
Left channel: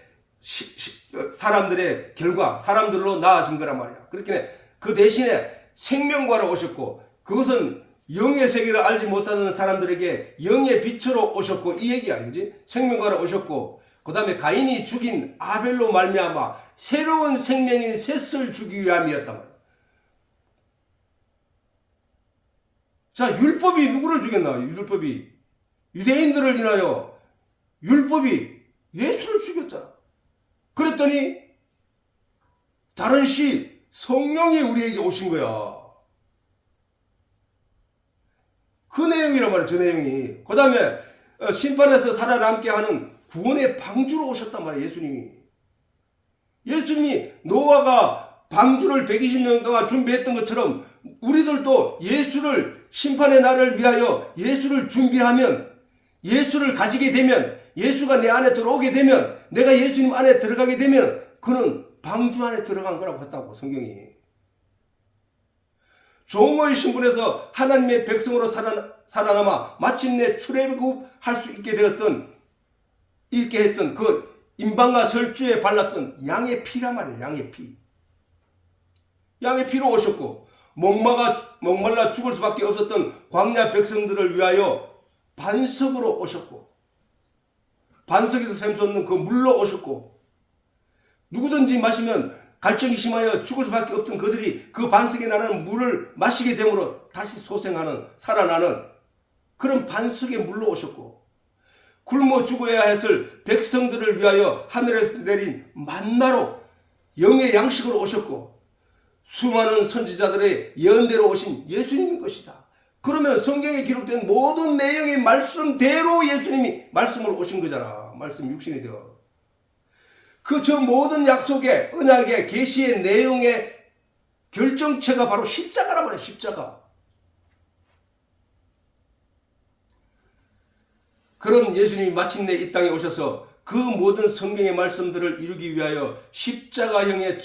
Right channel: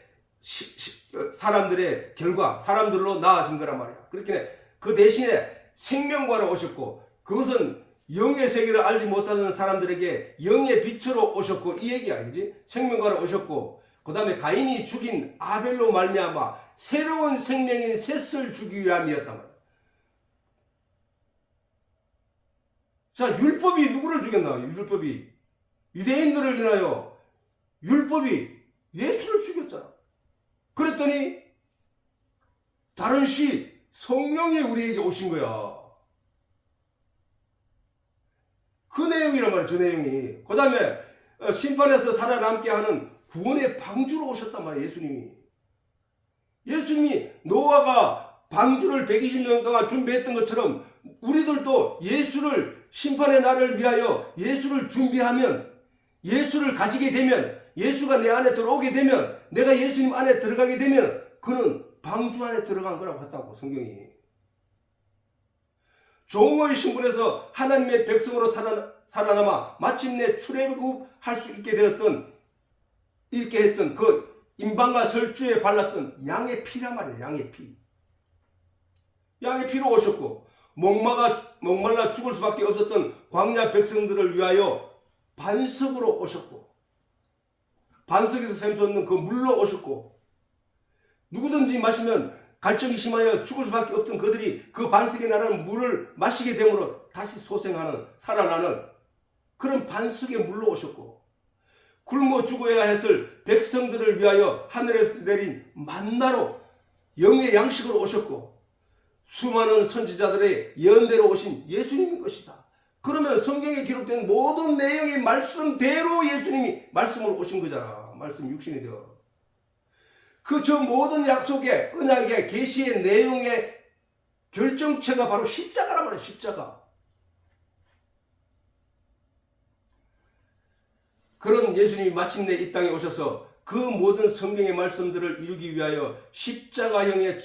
결과, 사람들로 나아진 거란 말이야. 그렇게 그 대신에 생명과로 오셨고, 그것은 영의 세계를 알지 못하는 사람들에게 영의 빛으로 오셨고, 이 얘기야, 그지? 생명과로 오셨고, 그 다음에 가인이 죽인 아벨로 말미암아 새로운 생명인 셋을 주기 위함이었단 말이야. 자, 율법이 누구를 죽였나? 율법이 유대인들을 인하여 율법이 예수를 죽였잖아. 그랬더니 다른 성령이 우리에게 오신 거야. 그 내용이란 말이야. 저 내용이. 그 다음에 심판에서 살아남게 하는 구원의 방주로 오셨단 말이에요. 예수님이 노아가 방주를 120년 동안 준비했던 것처럼 우리들도 예수를 심판의 날을 위하여 예수를 준비하면, 예수를 가지게 되면, 예수가 내 안에 들어오게 되면, 내가 예수님 안에 들어가게 되면 그는 방주 안에 들어간 거라고 했다고 성경이. 종의 신분에서 하나님의 백성으로 살아남아 마침내 출애굽할 수 있게 했던 그 임방과 설주에 발랐던 양의 피란 말이에요. 양의 피로 오셨고, 목말라 죽을 수밖에 없었던 광야 백성들을 위하여 반석으로 오셨고, 반석에서 샘솟는 그 물로 오셨고, 누구든지 마시면 갈증이 심하여 죽을 수밖에 없던 그들이 그 반석에 나는 물을 마시게 되므로 다시 살아나는 그런 반석의 물로 오셨고, 굶어 죽어야 했을 백성들을 위하여 하늘에서 내린 만나로 영의 양식으로 오셨고, 수많은 선지자들의 예언대로 오신 예수님인 것이다. 그러면 성경에 기록된 모든 내용의 말씀대로 예수님이 말씀으로 오신 거잖아. 말씀 육신이 되어. 저 모든 약속의 언약의 계시의 내용의 결정체가 바로 십자가란 말이야. 십자가. 그런 예수님이 마침내 이 땅에 오셔서 그 모든 성경의 말씀들을 이루기 위하여 십자가형에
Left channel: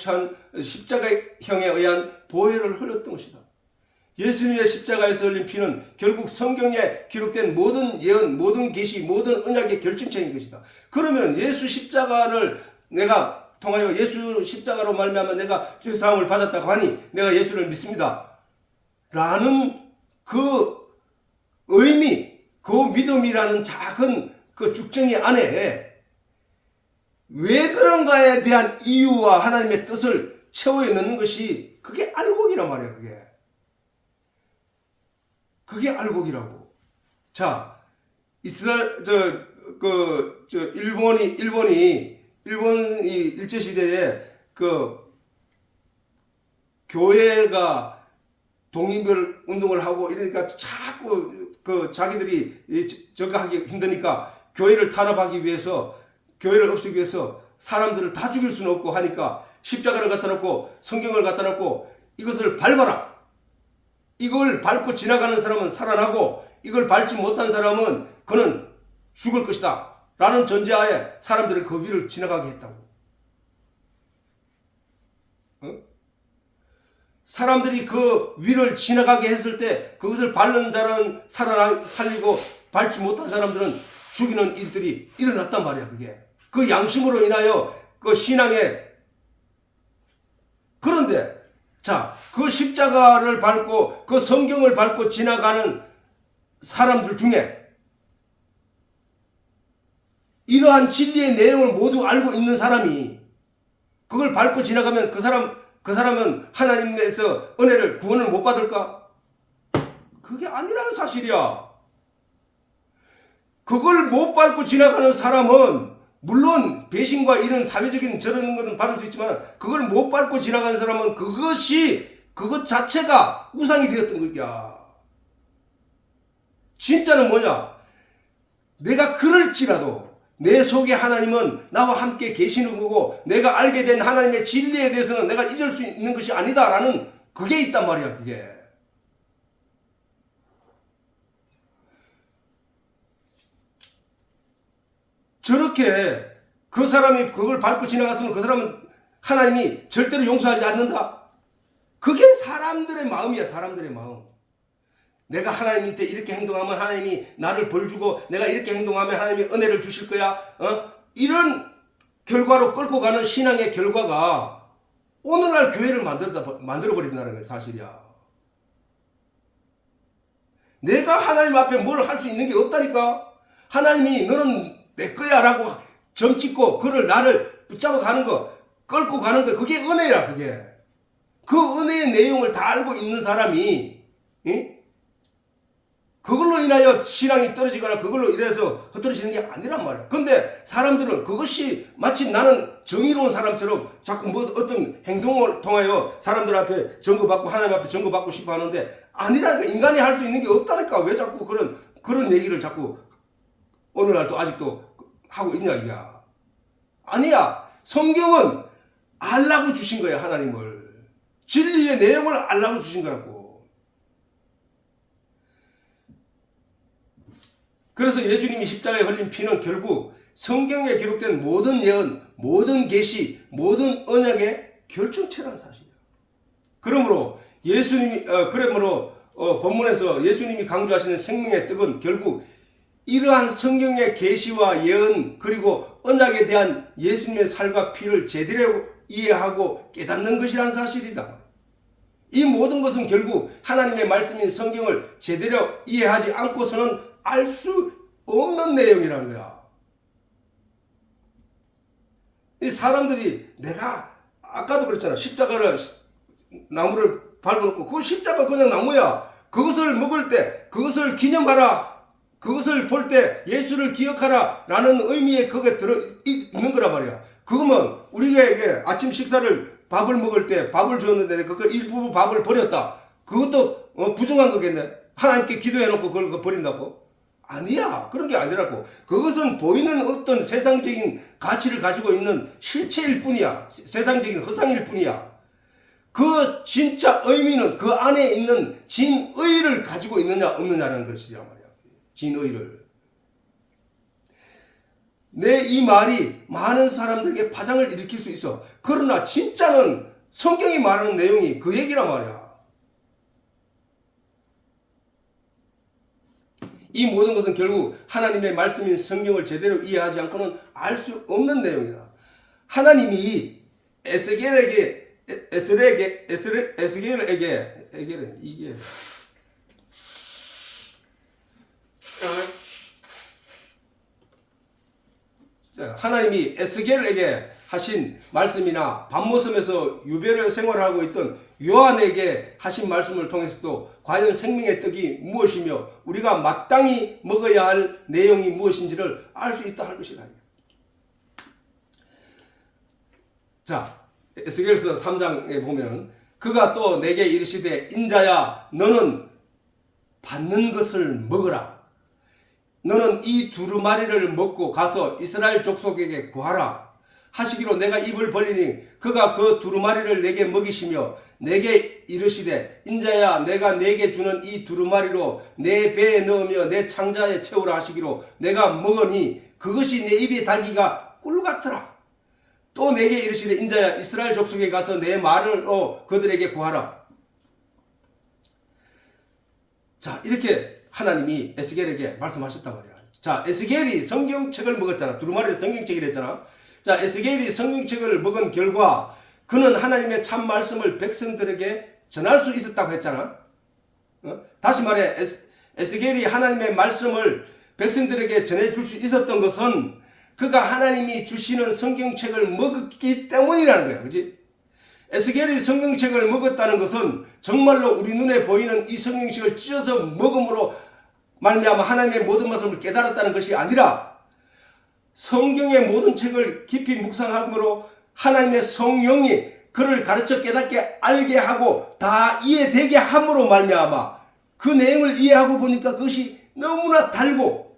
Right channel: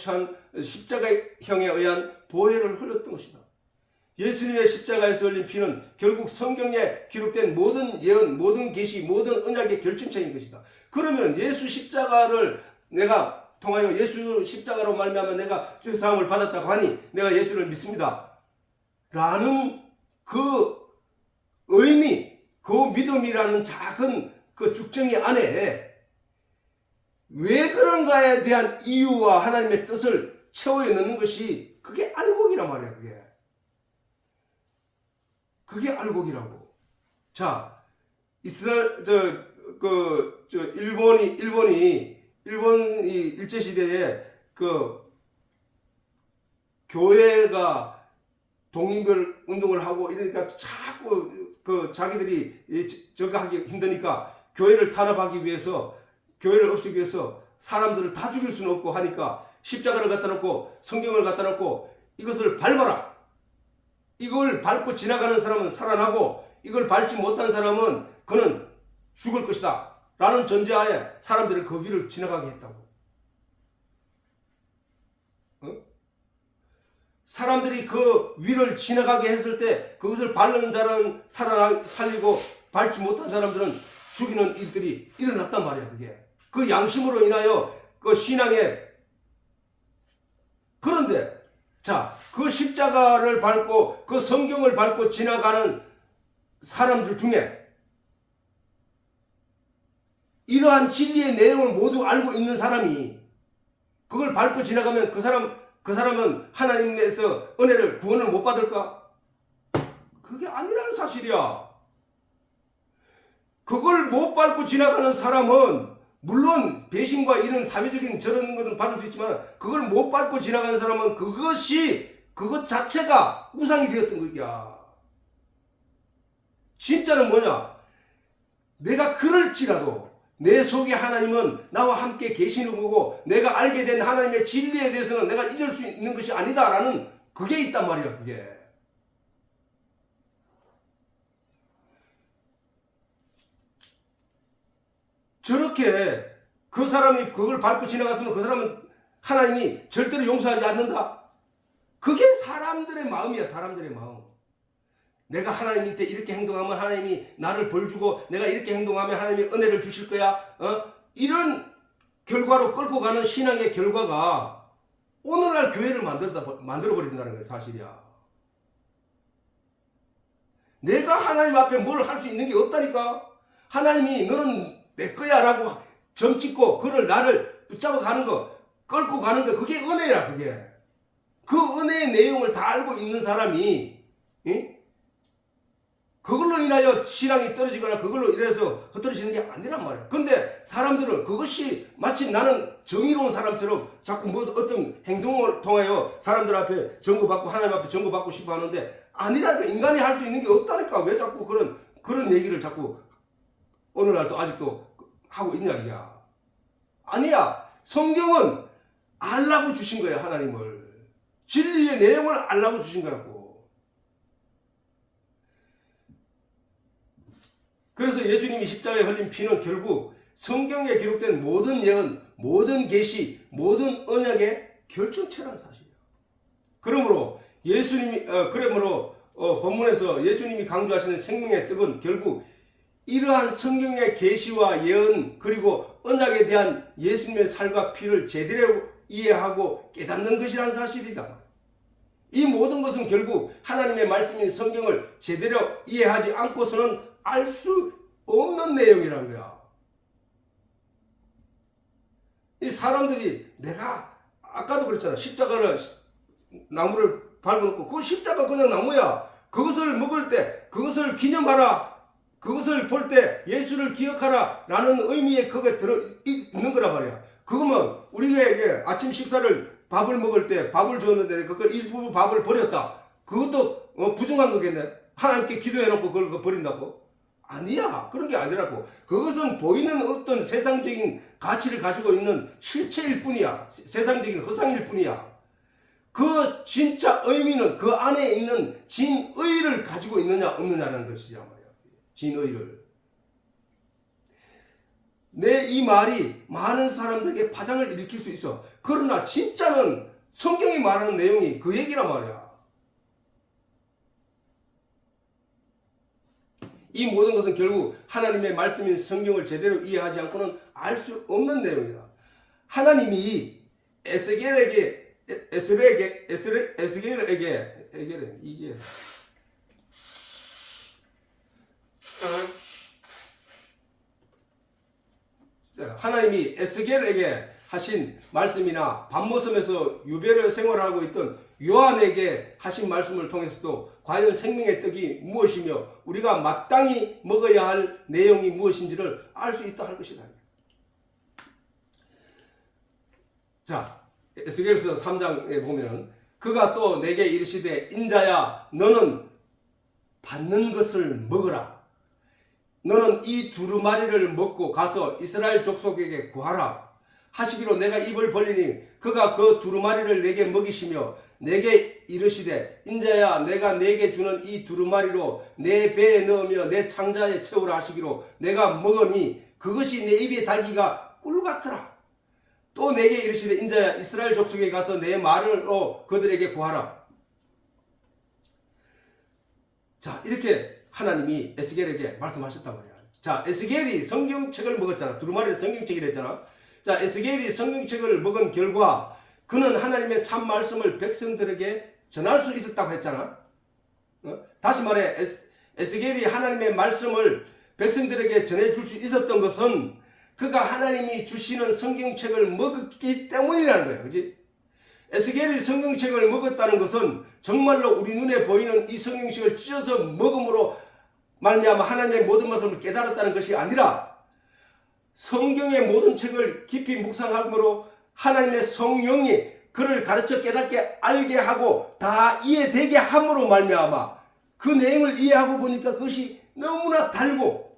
의한 보혈을 흘렸던 것이다. 예수님의 십자가에서 흘린 피는 결국 성경에 기록된 모든 예언, 모든 계시, 모든 언약의 결정체인 것이다. 그러면 예수 십자가를 내가 통하여 예수 십자가로 말미암아 내가 죄사함을 받았다고 하니 내가 예수를 믿습니다. 라는 그 의미, 그 믿음이라는 작은 그 죽정이 안에 왜 그런가에 대한 이유와 하나님의 뜻을 채워에 넣는 것이 그게 알곡이란 말이야. 그게 알곡이라고. 자, 일본이 일제시대에 그 교회가 독립을 운동을 하고 이러니까 자꾸 그 자기들이 저거 하기 힘드니까 교회를 탄압하기 위해서, 교회를 없애기 위해서 사람들을 다 죽일 수는 없고 하니까 십자가를 갖다 놓고 성경을 갖다 놓고 이것을 밟아라. 이걸 밟고 지나가는 사람은 살아나고 이걸 밟지 못한 사람은 그는 죽을 것이다 라는 전제하에 사람들이 그 위를 지나가게 했다고. 사람들이 그 위를 지나가게 했을 때 그것을 밟는 자는 살리고 밟지 못한 사람들은 죽이는 일들이 일어났단 말이야. 그게 그 양심으로 인하여 그 신앙에. 그런데 자, 그 십자가를 밟고 그 성경을 밟고 지나가는 사람들 중에 이러한 진리의 내용을 모두 알고 있는 사람이 그걸 밟고 지나가면 그 사람은 하나님에서 은혜를, 구원을 못 받을까? 그게 아니라는 사실이야. 그걸 못 밟고 지나가는 사람은 물론 배신과 이런 사회적인 저런 것은 받을 수 있지만 그걸 못 밟고 지나가는 사람은 그것 자체가 우상이 되었던 거야. 진짜는 뭐냐? 내가 그럴지라도 내 속에 하나님은 나와 함께 계시는 거고 내가 알게 된 하나님의 진리에 대해서는 내가 잊을 수 있는 것이 아니다라는 그게 있단 말이야. 그게. 저렇게 그 사람이 그걸 밟고 지나갔으면 그 사람은 하나님이 절대로 용서하지 않는다. 그게 사람들의 마음이야. 사람들의 마음. 내가 하나님 밑에 이렇게 행동하면 하나님이 나를 벌 주고 내가 이렇게 행동하면 하나님이 은혜를 주실 거야. 이런 결과로 끌고 가는 신앙의 결과가 오늘날 교회를 만들어버린다는 게 사실이야. 내가 하나님 앞에 뭘 할 수 있는 게 없다니까. 하나님이 너는 내 거야 라고 점 찍고 그를 나를 붙잡아 가는 거, 끌고 가는 거, 그게 은혜야. 그게 그 은혜의 내용을 다 알고 있는 사람이 그걸로 인하여 신앙이 떨어지거나 그걸로 인해서 흩어지는 게 아니란 말이야. 근데 사람들은 그것이 마치 나는 정의로운 사람처럼 자꾸 뭐 어떤 행동을 통하여 사람들 앞에 증거받고 하나님 앞에 증거받고 싶어 하는데 아니라니까. 인간이 할 수 있는 게 없다니까. 왜 자꾸 그런 얘기를 자꾸 오늘날도 아직도 하고 있냐 이야. 아니야. 성경은 알라고 주신 거야. 하나님을. 진리의 내용을 알라고 주신 거라고. 그래서 예수님이 십자가에 흘린 피는 결국 성경에 기록된 모든 예언, 모든 계시, 모든 언약의 결정체라는 사실이야. 그러므로 본문에서 예수님이 강조하시는 생명의 떡은 결국 이러한 성경의 계시와 예언 그리고 언약에 대한 예수님의 살과 피를 제대로 이해하고 깨닫는 것이라는 사실이다. 이 모든 것은 결국 하나님의 말씀인 성경을 제대로 이해하지 않고서는 알 수 없는 내용이라는 거야. 이 사람들이 내가 아까도 그랬잖아. 십자가를 나무를 밟아놓고 그 십자가 그냥 나무야. 그것을 먹을 때 그것을 기념하라. 그것을 볼 때 예수를 기억하라 라는 의미에 그게 들어있는 거란 말이야. 그러면 우리에게 아침 식사를 밥을 먹을 때 밥을 줬는데 그 일부 밥을 버렸다. 그것도 부정한 거겠네. 하나님께 기도해놓고 그걸 버린다고? 아니야. 그런 게 아니라고. 그것은 보이는 어떤 세상적인 가치를 가지고 있는 실체일 뿐이야. 세상적인 허상일 뿐이야. 그 진짜 의미는 그 안에 있는 진의를 가지고 있느냐 없느냐라는 것이란 말이야. 진의를. 내 이 말이 많은 사람들에게 파장을 일으킬 수 있어. 그러나 진짜는 성경이 말하는 내용이 그 얘기란 말이야. 이 모든 것은 결국 하나님의 말씀인 성경을 제대로 이해하지 않고는 알 수 없는 내용이다. 하나님이 에스겔에게 이게 하나님이 에스겔에게 하신 말씀이나 밤모섬에서 유배로 생활하고 있던 요한에게 하신 말씀을 통해서도 과연 생명의 떡이 무엇이며 우리가 마땅히 먹어야 할 내용이 무엇인지를 알 수 있다 할 것이다. 자, 에스겔서 3장에 보면 그가 또 내게 이르시되 인자야 너는 받는 것을 먹으라. 너는 이 두루마리를 먹고 가서 이스라엘 족속에게 구하라. 하시기로 내가 입을 벌리니 그가 그 두루마리를 내게 먹이시며 내게 이르시되 인자야 내가 내게 주는 이 두루마리로 내 배에 넣으며 내 창자에 채우라 하시기로 내가 먹으니 그것이 내 입에 달기가 꿀 같더라. 또 내게 이르시되 인자야 이스라엘 족속에 가서 내 말로 그들에게 구하라. 자, 이렇게 하나님이 에스겔에게 말씀하셨단 말이야. 자, 에스겔이 성경책을 먹었잖아. 두루마리는 성경책이라 했잖아. 자, 에스겔이 성경책을 먹은 결과 그는 하나님의 참 말씀을 백성들에게 전할 수 있었다고 했잖아. 다시 말해 에스겔이 하나님의 말씀을 백성들에게 전해줄 수 있었던 것은 그가 하나님이 주시는 성경책을 먹었기 때문이라는 거야. 그렇지? 에스겔이 성경책을 먹었다는 것은 정말로 우리 눈에 보이는 이 성경책을 찢어서 먹음으로 말미암아 하나님의 모든 말씀을 깨달았다는 것이 아니라 성경의 모든 책을 깊이 묵상함으로 하나님의 성령이 그를 가르쳐 깨닫게 알게 하고 다 이해되게 함으로 말미암아 그 내용을 이해하고 보니까 그것이 너무나 달고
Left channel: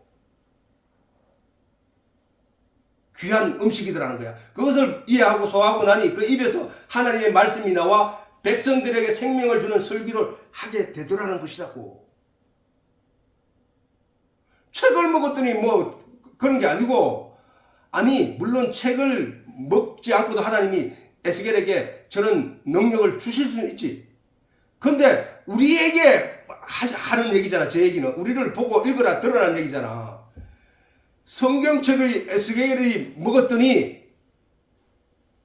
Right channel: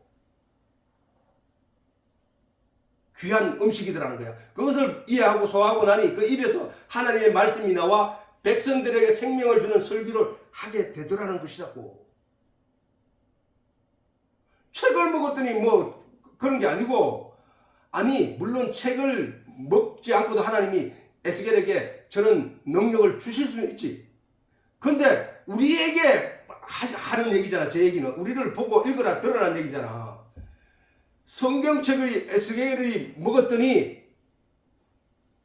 귀한 음식이더라는 거야. 그것을 이해하고 소화하고 나니 그 입에서 하나님의 말씀이 나와 백성들에게 생명을 주는 설교를 하게 되더라는 것이라고. 책을 먹었더니 뭐 그런 게 아니고, 아니 물론 책을 먹지 않고도 하나님이 에스겔에게 저런 능력을 주실 수는 있지. 근데 우리에게 하는 얘기잖아. 제 얘기는 우리를 보고 읽어라 들어라는 얘기잖아. 성경책을 에스겔이 먹었더니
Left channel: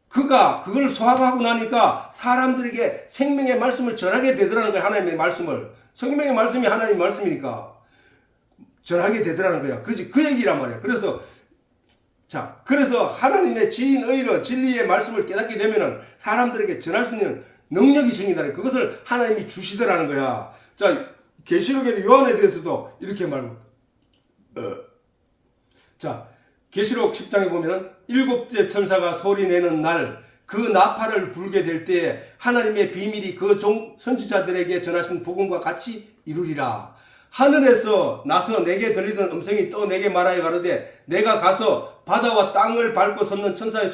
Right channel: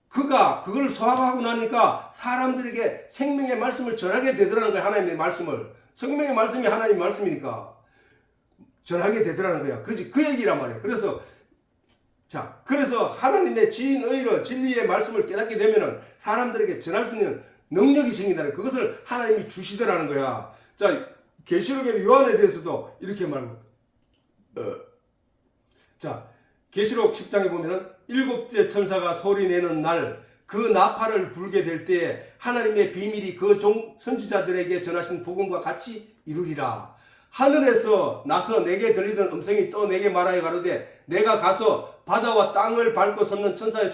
그가 그걸 소화하고 나니까 사람들에게 생명의 말씀을 전하게 되더라는 거야. 하나님의 말씀을. 성경의 말씀이 하나님의 말씀이니까 전하게 되더라는 거야. 그 얘기란 말이야. 그래서 하나님의 진의로 진리의 말씀을 깨닫게 되면은 사람들에게 전할 수 있는 능력이 생긴다는 거야. 그것을 하나님이 주시더라는 거야. 자, 계시록의 요한에 대해서도 이렇게 말합니다. 자, 계시록 10장에 보면 7째 천사가 소리내는 날 그 나팔을 불게 될 때에 하나님의 비밀이 그 선지자들에게 전하신 복음과 같이 이루리라. 하늘에서 나서 내게 들리던 음성이 또 내게 말하여 가로되 내가 가서 바다와 땅을 밟고 섰는 천사의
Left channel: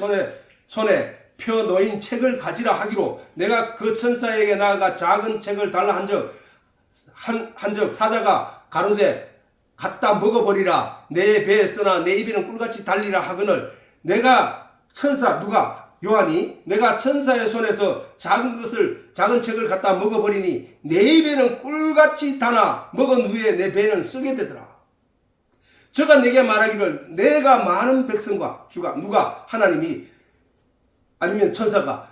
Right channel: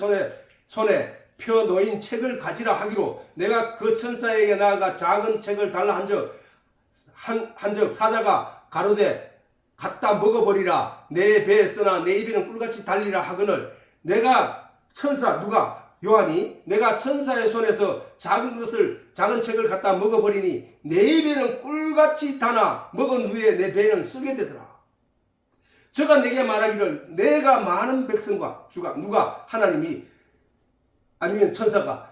손에 펴 놓인 책을 가지라 하기로 내가 그 천사에게 나아가 작은 책을 달라 한적 사자가 가로되 갖다 먹어버리라. 내 배에 쓰나 내 입에는 꿀같이 달리라 하거늘 내가 누가? 요한이 내가 천사의 손에서 작은 책을 갖다 먹어버리니 내 입에는 꿀같이 다나 먹은 후에 내 배는 쓰게 되더라. 저가 내게 말하기를 내가 많은 백성과 누가? 하나님이 아니면 천사가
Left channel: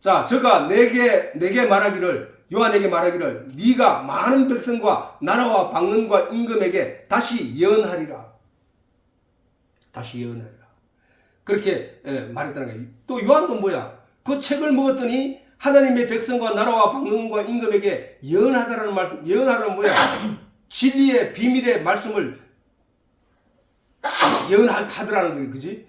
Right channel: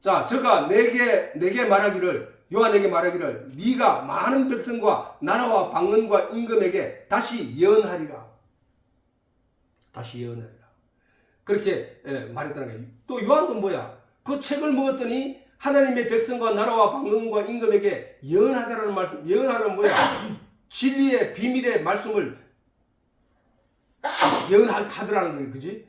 저가 내게 말하기를 요한에게 말하기를 네가 많은 백성과 나라와 방언과 임금에게 다시 예언하리라. 그렇게 말했다는 거예요. 또 요한도 뭐야? 그 책을 먹었더니 하나님의 백성과 나라와 방언과 임금에게 예언하다라는 말씀. 예언하라는 뭐야? 진리의 비밀의 말씀을 예언하더라는 거예요. 그지?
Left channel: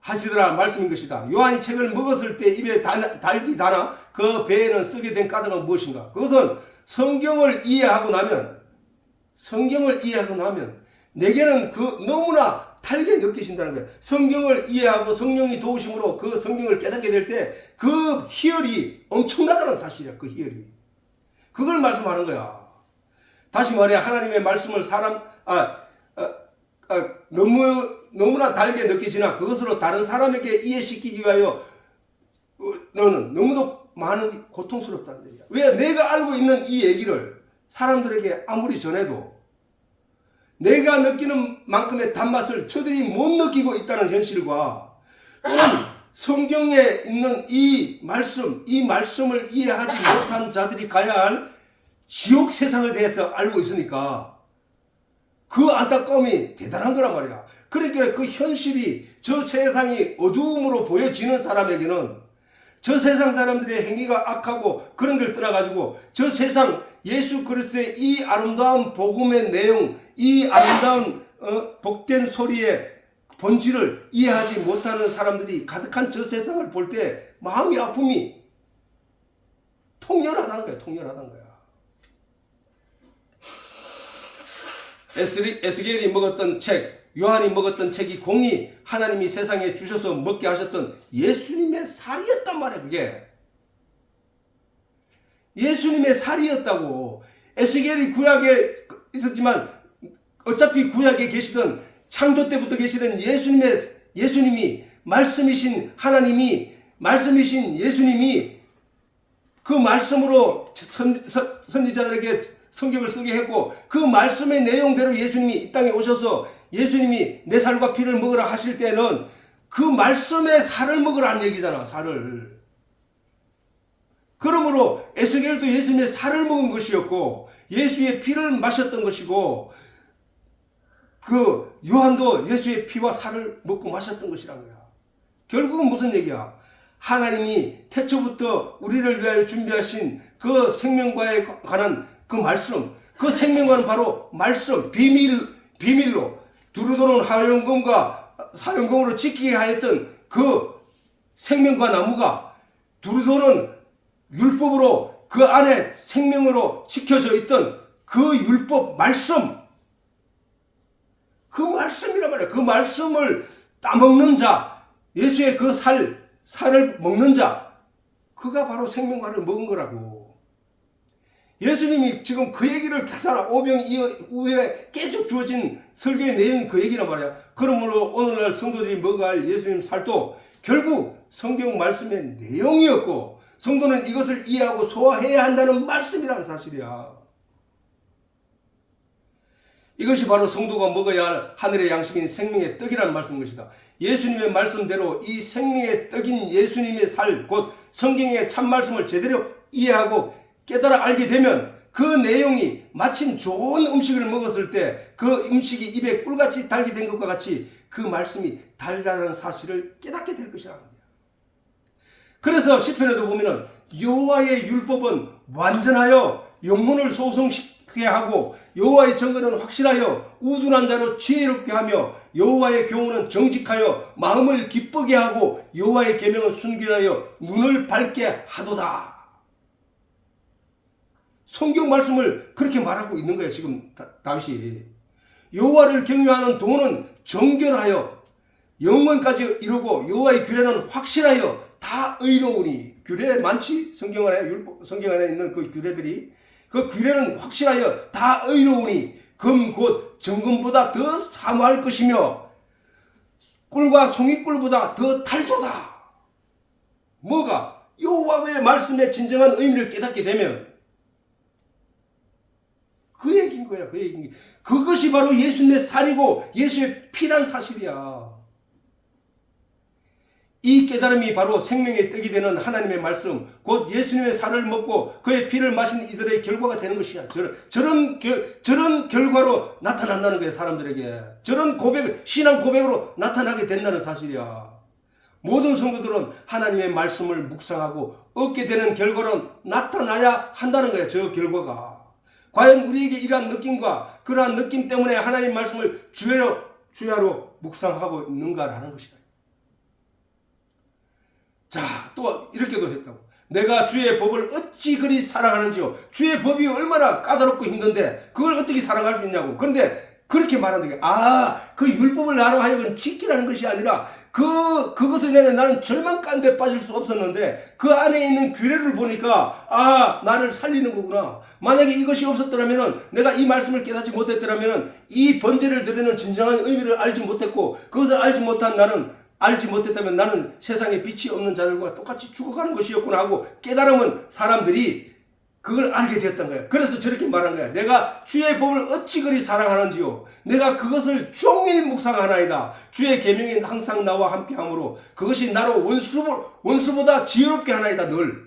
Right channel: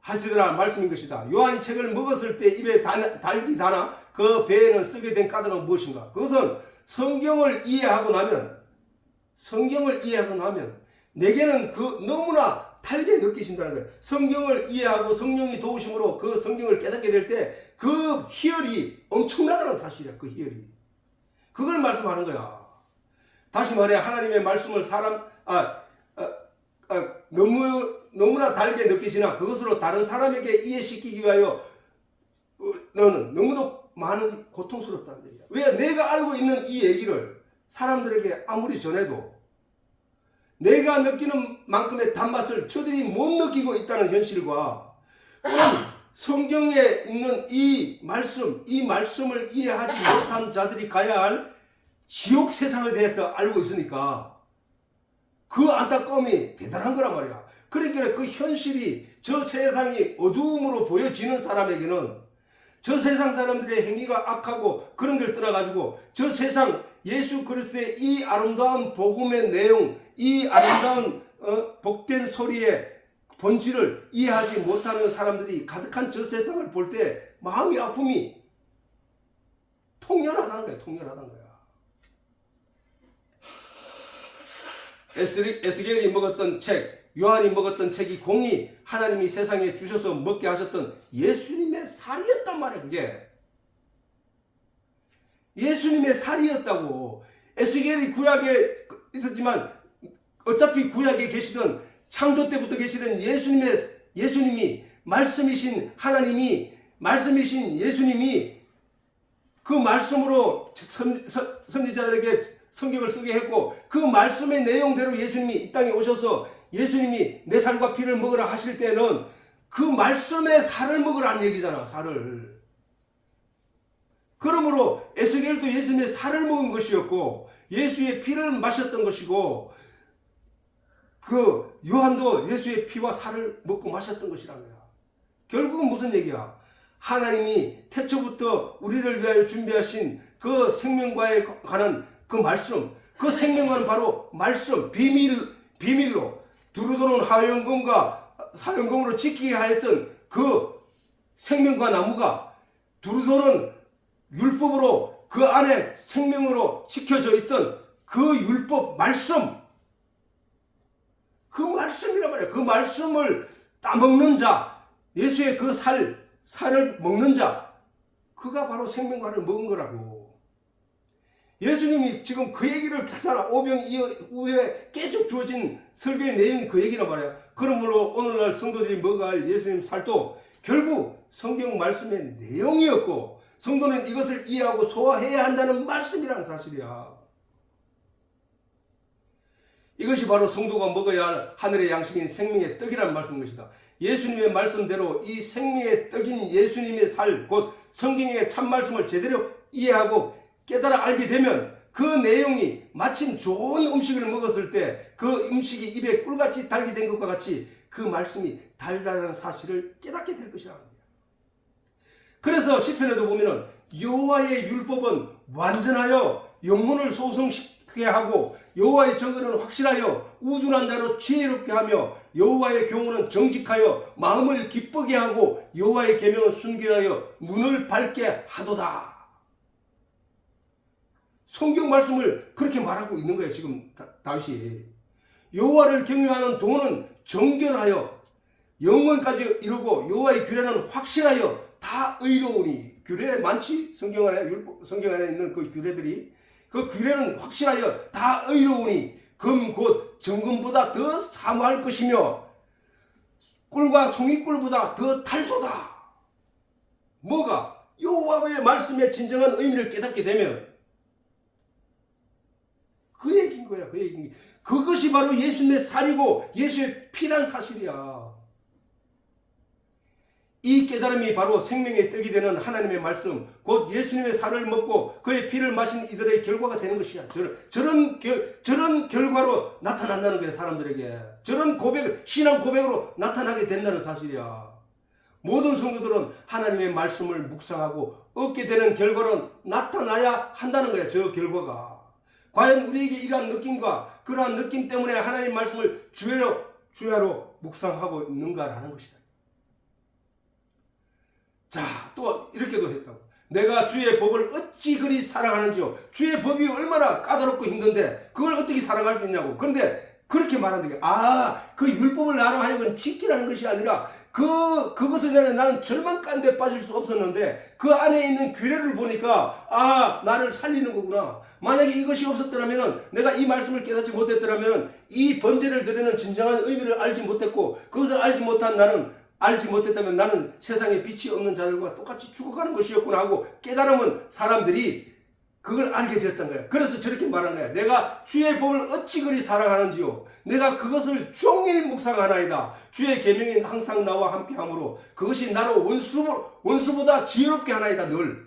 하시더라 말씀인 것이다. 요한이 책을 먹었을 때 입에 달기 다나 그 배에는 쓰게 된 까닭은 무엇인가? 그것은 성경을 이해하고 나면 내게는 너무나 달게 느끼신다는 거예요. 성경을 이해하고 성령이 도우심으로 그 성경을 깨닫게 될 때 그 희열이 엄청나다는 사실이야. 그 희열이. 그걸 말씀하는 거야. 다시 말해 하나님의 말씀을 너무 너무나 다르게 느껴지나 그것으로 다른 사람에게 이해시키기 위하여 너는 너무도 많은 고통스럽다는 얘기야. 왜? 내가 알고 있는 이 얘기를 사람들에게 아무리 전해도 내가 느끼는 만큼의 단맛을 저들이 못 느끼고 있다는 현실과 또는 성경에 있는 이 말씀을 이해하지 못한 자들이 가야 할 지옥 세상에 대해서 알고 있으니까 그 안타까움이 대단한 거란 말이야. 그러니까 그 현실이 저 세상이 어두움으로 보여지는 사람에게는 저 세상 사람들의 행위가 악하고 그런 걸 떠나가지고 저 세상 예수 그리스도의 이 아름다운 복음의 내용, 이 아름다운 복된 소리의 본질을 이해하지 못하는 사람들이 가득한 저 세상을 볼 때 마음의 아픔이 통렬하다는 거야. 통렬하다는 거야. 에스겔이 먹었던 책, 요한이 먹었던 책이 공이 하나님이 세상에 주셔서 먹게 하셨던 예수님의 살이었단 말이야. 그게 예수님의 살이었다고. 에스겔이 구약에 있었지만 어차피 구약에 계시던 창조 때부터 계시던 예수님이 말씀이신 하나님이 말씀이신 예수님이 그 말씀으로 선지자들에게 성경을 쓰게 했고 그 말씀의 내용대로 예수님이 이 땅에 오셔서 예수님이 내 살과 피를 먹으라 하실 때는 그 말씀의 살을 먹으라는 얘기잖아. 살을. 그러므로 에스겔도 예수님의 살을 먹은 것이었고 예수의 피를 마셨던 것이고 그 요한도 예수의 피와 살을 먹고 마셨던 것이란 거야. 결국은 무슨 얘기야? 하나님이 태초부터 우리를 위하여 준비하신 그 생명과에 관한 그 말씀, 그 생명과는 바로 말씀, 비밀로 두루도는 하용금과 사용금으로 지키게 하였던 그 생명과 나무가 두루도는 율법으로 그 안에 생명으로 지켜져 있던 그 율법 말씀, 그 말씀이란 말이야. 그 말씀을 따먹는 자, 예수의 그 살을 먹는 자, 그가 바로 생명과를 먹은 거라고. 예수님이 지금 그 얘기를 계속 오병 이후에 계속 주어진 설교의 내용이 그 얘기란 말이야. 그러므로 오늘날 성도들이 먹어야 할 예수님 살도 결국 성경 말씀의 내용이었고 성도는 이것을 이해하고 소화해야 한다는 말씀이라는 사실이야. 이것이 바로 성도가 먹어야 할 하늘의 양식인 생명의 떡이라는 말씀인 것이다. 예수님의 말씀대로 이 생명의 떡인 예수님의 살, 곧 성경의 참말씀을 제대로 이해하고 깨달아 알게 되면 그 내용이 마침 좋은 음식을 먹었을 때 그 음식이 입에 꿀같이 달게 된 것과 같이 그 말씀이 달다는 사실을 깨닫게 될 것이라는 거야. 그래서 시편에도 보면은 여호와의 율법은 완전하여 영혼을 소성시키게 하고 여호와의 정의는 확실하여 우둔한 자로 지혜롭게 하며 여호와의 교훈은 정직하여 마음을 기쁘게 하고 여호와의 계명은 순결하여 눈을 밝게 하도다. 성경 말씀을 그렇게 말하고 있는 거예요. 지금 다윗이. 여호와를 경외하는 동은 정결하여 영원까지 이루고 여호와의 규례는 확실하여 다 의로우니. 규례 많지? 성경 안에 있는 그 규례들이. 그 규례는 확실하여 다 의로우니 금 곧 정금보다 더 사모할 것이며 꿀과 송이꿀보다 더 달도다. 뭐가? 여호와의 말씀의 진정한 의미를 깨닫게 되면 그 얘기인 거야. 그 얘기인 거야. 그것이 바로 예수님의 살이고 예수의 피란 사실이야. 이 깨달음이 바로 생명의 떡이 되는 하나님의 말씀, 곧 예수님의 살을 먹고 그의 피를 마신 이들의 결과가 되는 것이야. 저런 결과로 나타난다는 거야. 사람들에게. 저런 신앙 고백으로 나타나게 된다는 사실이야. 모든 성도들은 하나님의 말씀을 묵상하고 얻게 되는 결과로 나타나야 한다는 거야. 저 결과가. 과연 우리에게 이러한 느낌과 그러한 느낌 때문에 하나님의 말씀을 주야로 묵상하고 있는가라는 것이다. 자, 또 이렇게도 했다고. 내가 주의 법을 어찌 그리 사랑하는지요. 주의 법이 얼마나 까다롭고 힘든데 그걸 어떻게 사랑할 수 있냐고. 그런데 그렇게 말하는 게 그 율법을 나로 하여금 지키라는 것이 아니라 그것을 내가 나는 절망 가운데 빠질 수 없었는데 그 안에 있는 규례를 보니까 나를 살리는 거구나. 만약에 이것이 없었더라면은 내가 이 말씀을 깨닫지 못했더라면은 이 번제를 드리는 진정한 의미를 알지 못했고 그것을 알지 못했다면 나는 세상에 빛이 없는 자들과 똑같이 죽어가는 것이었구나 하고 깨달으면 사람들이 그걸 알게 되었던 거야. 그래서 저렇게 말한 거야. 내가 주의 법을 어찌 그리 사랑하는지요. 내가 그것을 종일 묵상하나이다. 주의 계명이 항상 나와 함께하므로 그것이 나로 원수보다 지혜롭게 하나이다. 늘.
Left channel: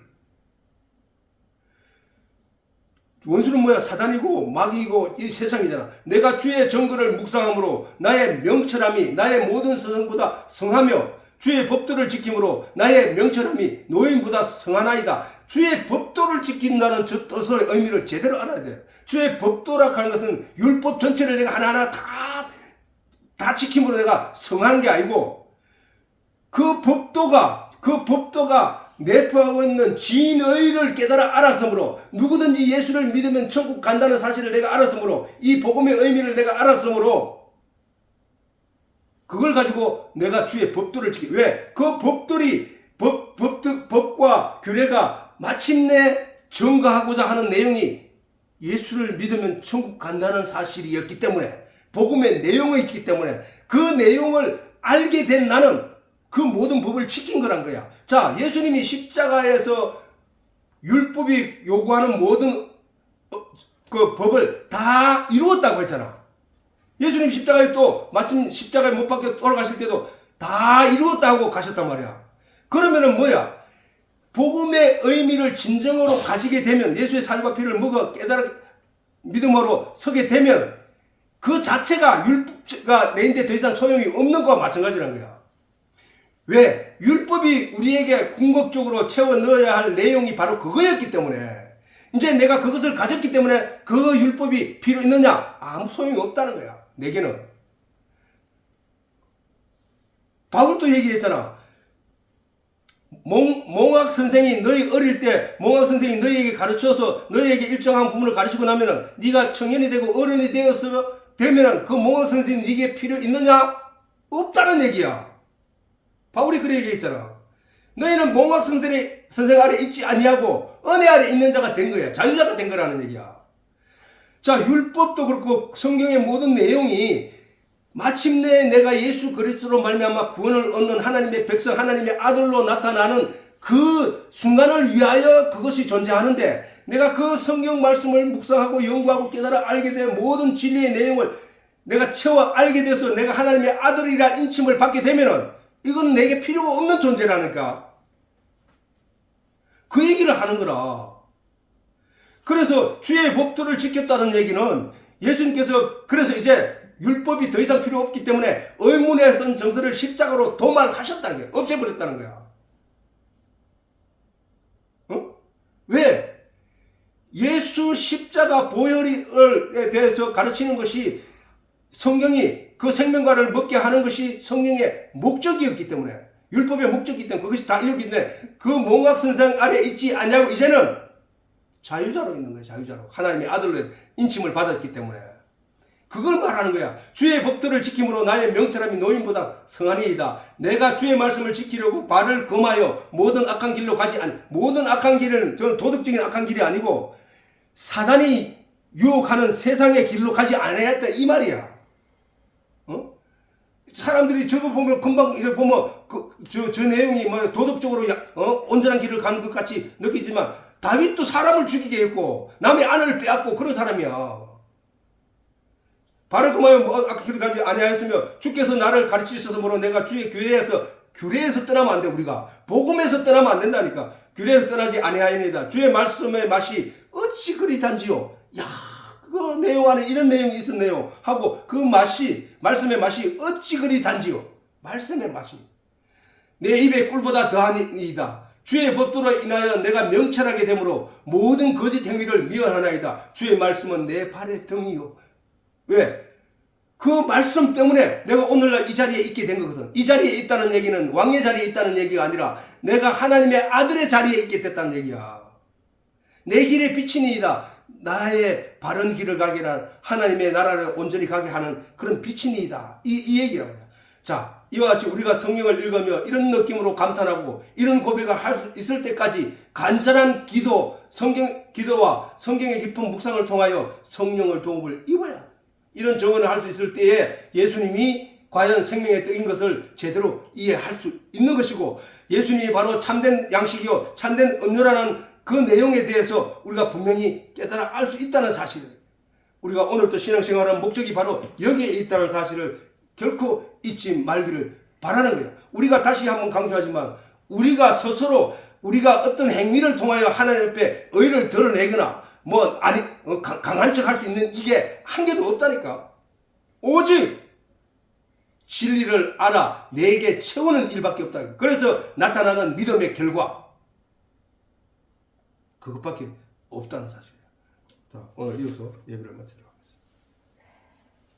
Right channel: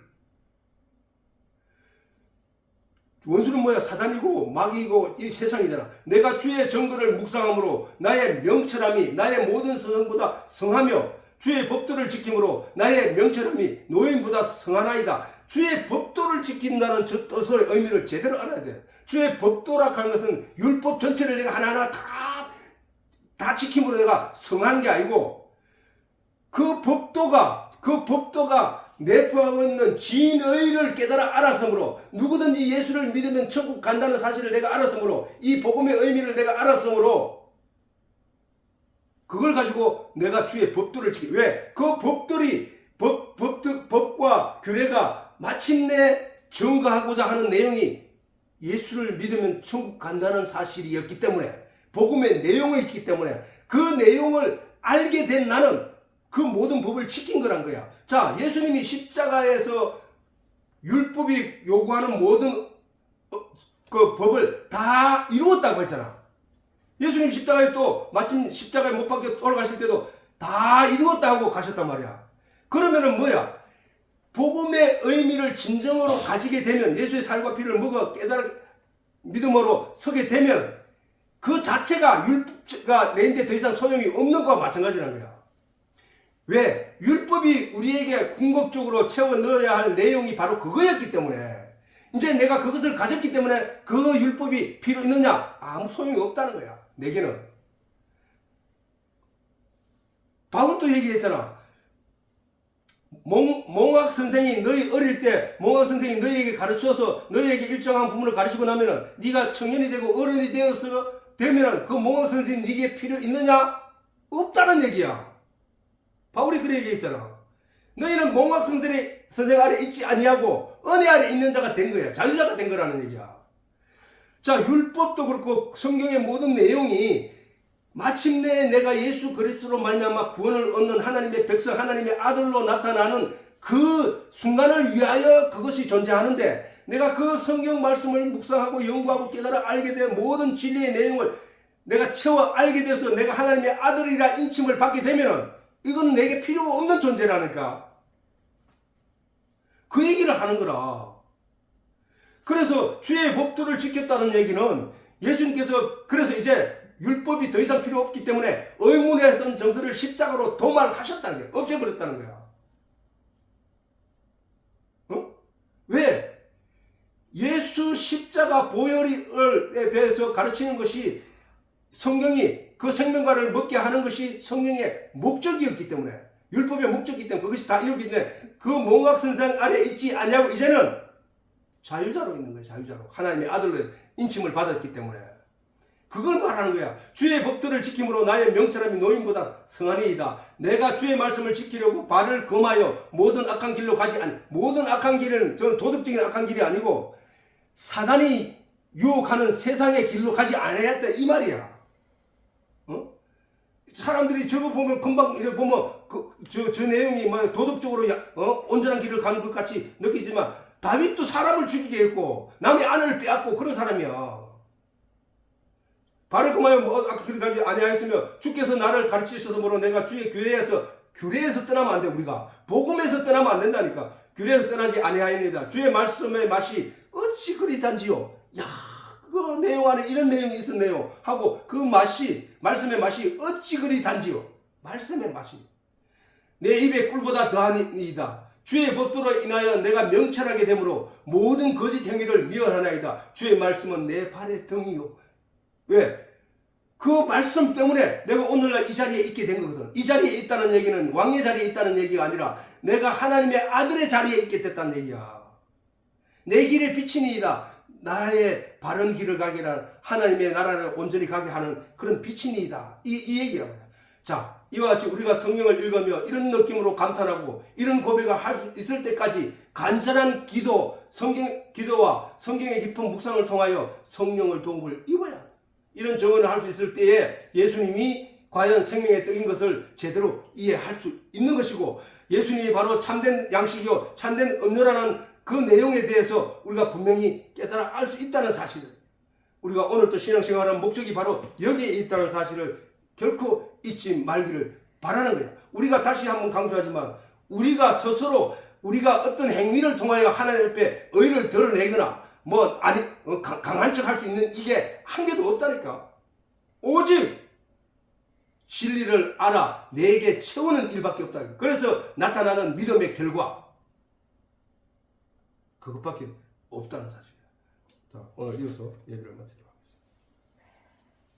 원수는 뭐야? 사단이고 마귀이고 이 세상이잖아. 내가 주의 정글을 묵상함으로 나의 명철함이 나의 모든 선생보다 성하며 주의 법도를 지킴으로 나의 명철함이 노인보다 성하나이다. 주의 법도를 지킨다는 저 뜻의 의미를 제대로 알아야 돼요. 주의 법도라 하는 것은 율법 전체를 내가 하나하나 다 지킴으로 내가 성한 게 아니고 그 법도가 내포하고 있는 진의를 깨달아 알았으므로 누구든지 예수를 믿으면 천국 간다는 사실을 내가 알았으므로 이 복음의 의미를 내가 알았으므로 그걸 가지고 내가 주의 법도를 지키. 왜? 그 법과 규례가 마침내 증거하고자 하는 내용이 예수를 믿으면 천국 간다는 사실이었기 때문에 복음의 내용이 있기 때문에 그 내용을 알게 된 나는 그 모든 법을 지킨 거란 거야. 자, 예수님이 십자가에서 율법이 요구하는 모든 그 법을 다 이루었다고 했잖아. 예수님 십자가에 또 마침 십자가에 못 박혀 돌아가실 때도 다 이루었다고 가셨단 말이야. 그러면은 뭐야? 복음의 의미를 진정으로 가지게 되면 예수의 살과 피를 먹어 깨달아 믿음으로 서게 되면 그 자체가 율법가 내인데 더 이상 소용이 없는 거와 마찬가지라는 거야. 왜? 율법이 우리에게 궁극적으로 채워 넣어야 할 내용이 바로 그거였기 때문에 이제 내가 그것을 가졌기 때문에 그 율법이 필요 있느냐? 아무 소용이 없다는 거야. 내게는. 바울도 얘기했잖아. 몽학 선생이 너희 어릴 때 몽학 선생이 너희에게 가르쳐서 너희에게 일정한 부분을 가르치고 나면은 네가 청년이 되고 어른이 되면은 그 몽학 선생이 네게 필요 있느냐? 없다는 얘기야. 바울이 그래 얘기했잖아. 너희는 몽학 선생 아래 있지 아니하고 은혜 아래 있는 자가 된 거야. 자유자가 된 거라는 얘기야. 자, 율법도 그렇고 성경의 모든 내용이 마침내 내가 예수 그리스도로 말미암아 구원을 얻는 하나님의 백성, 하나님의 아들로 나타나는 그 순간을 위하여 그것이 존재하는데 내가 그 성경 말씀을 묵상하고 연구하고 깨달아 알게 된 모든 진리의 내용을 내가 채워 알게 돼서 내가 하나님의 아들이라 인침을 받게 되면은 이건 내게 필요가 없는 존재라니까. 그 얘기를 하는 거라. 그래서 주의 법도를 지켰다는 얘기는 예수님께서 그래서 이제 율법이 더 이상 필요 없기 때문에 의문에 쓴 정서를 십자가로 도말하셨다는 거야. 없애버렸다는 거야. 왜? 예수 십자가 보혈에 대해서 가르치는 것이 성경이 그 생명과를 먹게 하는 것이 성경의 목적이었기 때문에 율법의 목적이기 때문에 그것이 다 이루기 때문에 그 몽학 선생 아래 있지 않냐고 이제는 자유자로 있는 거예요. 자유자로. 하나님의 아들로 인침을 받았기 때문에 그걸 말하는 거야. 주의 법도를 지킴으로 나의 명철함이 노인보다 성하니이다. 내가 주의 말씀을 지키려고 발을 금하여 모든 악한 길로 가지 모든 악한 길은 전 도덕적인 악한 길이 아니고 사단이 유혹하는 세상의 길로 가지 않았다 이 말이야. 사람들이 저거 보면 금방 이렇게 보면 저 내용이 뭐 도덕적으로 온전한 길을 가는 것 같이 느끼지만 다윗도 사람을 죽이게 했고 남의 아내를 빼앗고 그런 사람이야. 발을 금하여 악한 길을 가지 아니하였으며 주께서 나를 가르치셔서 뭐로 내가 주의 규례에서 떠나면 안 돼. 우리가 복음에서 떠나면 안 된다니까. 규례에서 떠나지 아니하였나이다. 주의 말씀의 맛이 어찌 그리 단지요. 야, 그 내용 안에 이런 내용이 있었네요 하고 그 맛이 말씀의 맛이 어찌 그리 단지요. 말씀의 맛이 내 입의 꿀보다 더하니이다. 주의 법도로 인하여 내가 명철하게 되므로 모든 거짓 행위를 미워하나이다. 주의 말씀은 내 발의 등이요. 왜? 그 말씀 때문에 내가 오늘날 이 자리에 있게 된 거거든. 이 자리에 있다는 얘기는 왕의 자리에 있다는 얘기가 아니라 내가 하나님의 아들의 자리에 있게 됐다는 얘기야. 내 길의 빛이니이다. 나의 바른 길을 가게 할 하나님의 나라를 온전히 가게 하는 그런 빛이니이다. 이 얘기라고요. 자, 이와 같이 우리가 성경을 읽으며 이런 느낌으로 감탄하고 이런 고백을 할 수 있을 때까지 간절한 기도와 성경의 깊은 묵상을 통하여 성령을 도움을 입어야 이런 정언을 할 수 있을 때에 예수님이 과연 생명의 떡인 것을 제대로 이해할 수 있는 것이고 예수님이 바로 참된 양식이요 참된 음료라는 그 내용에 대해서 우리가 분명히 깨달아 알 수 있다는 사실을 우리가 오늘 또 신앙생활하는 목적이 바로 여기에 있다는 사실을 결코 잊지 말기를 바라는 거예요. 우리가 다시 한번 강조하지만 우리가 스스로 우리가 어떤 행위를 통하여 하나님 앞에 의를 드러내거나 강한 척 할 수 있는 이게 한 개도 없다니까. 오직 진리를 알아 내게 채우는 일밖에 없다. 그래서 나타나는 믿음의 결과 그것밖에 없다는 사실이에요. 자, 오늘 이어서 예배를 마치도록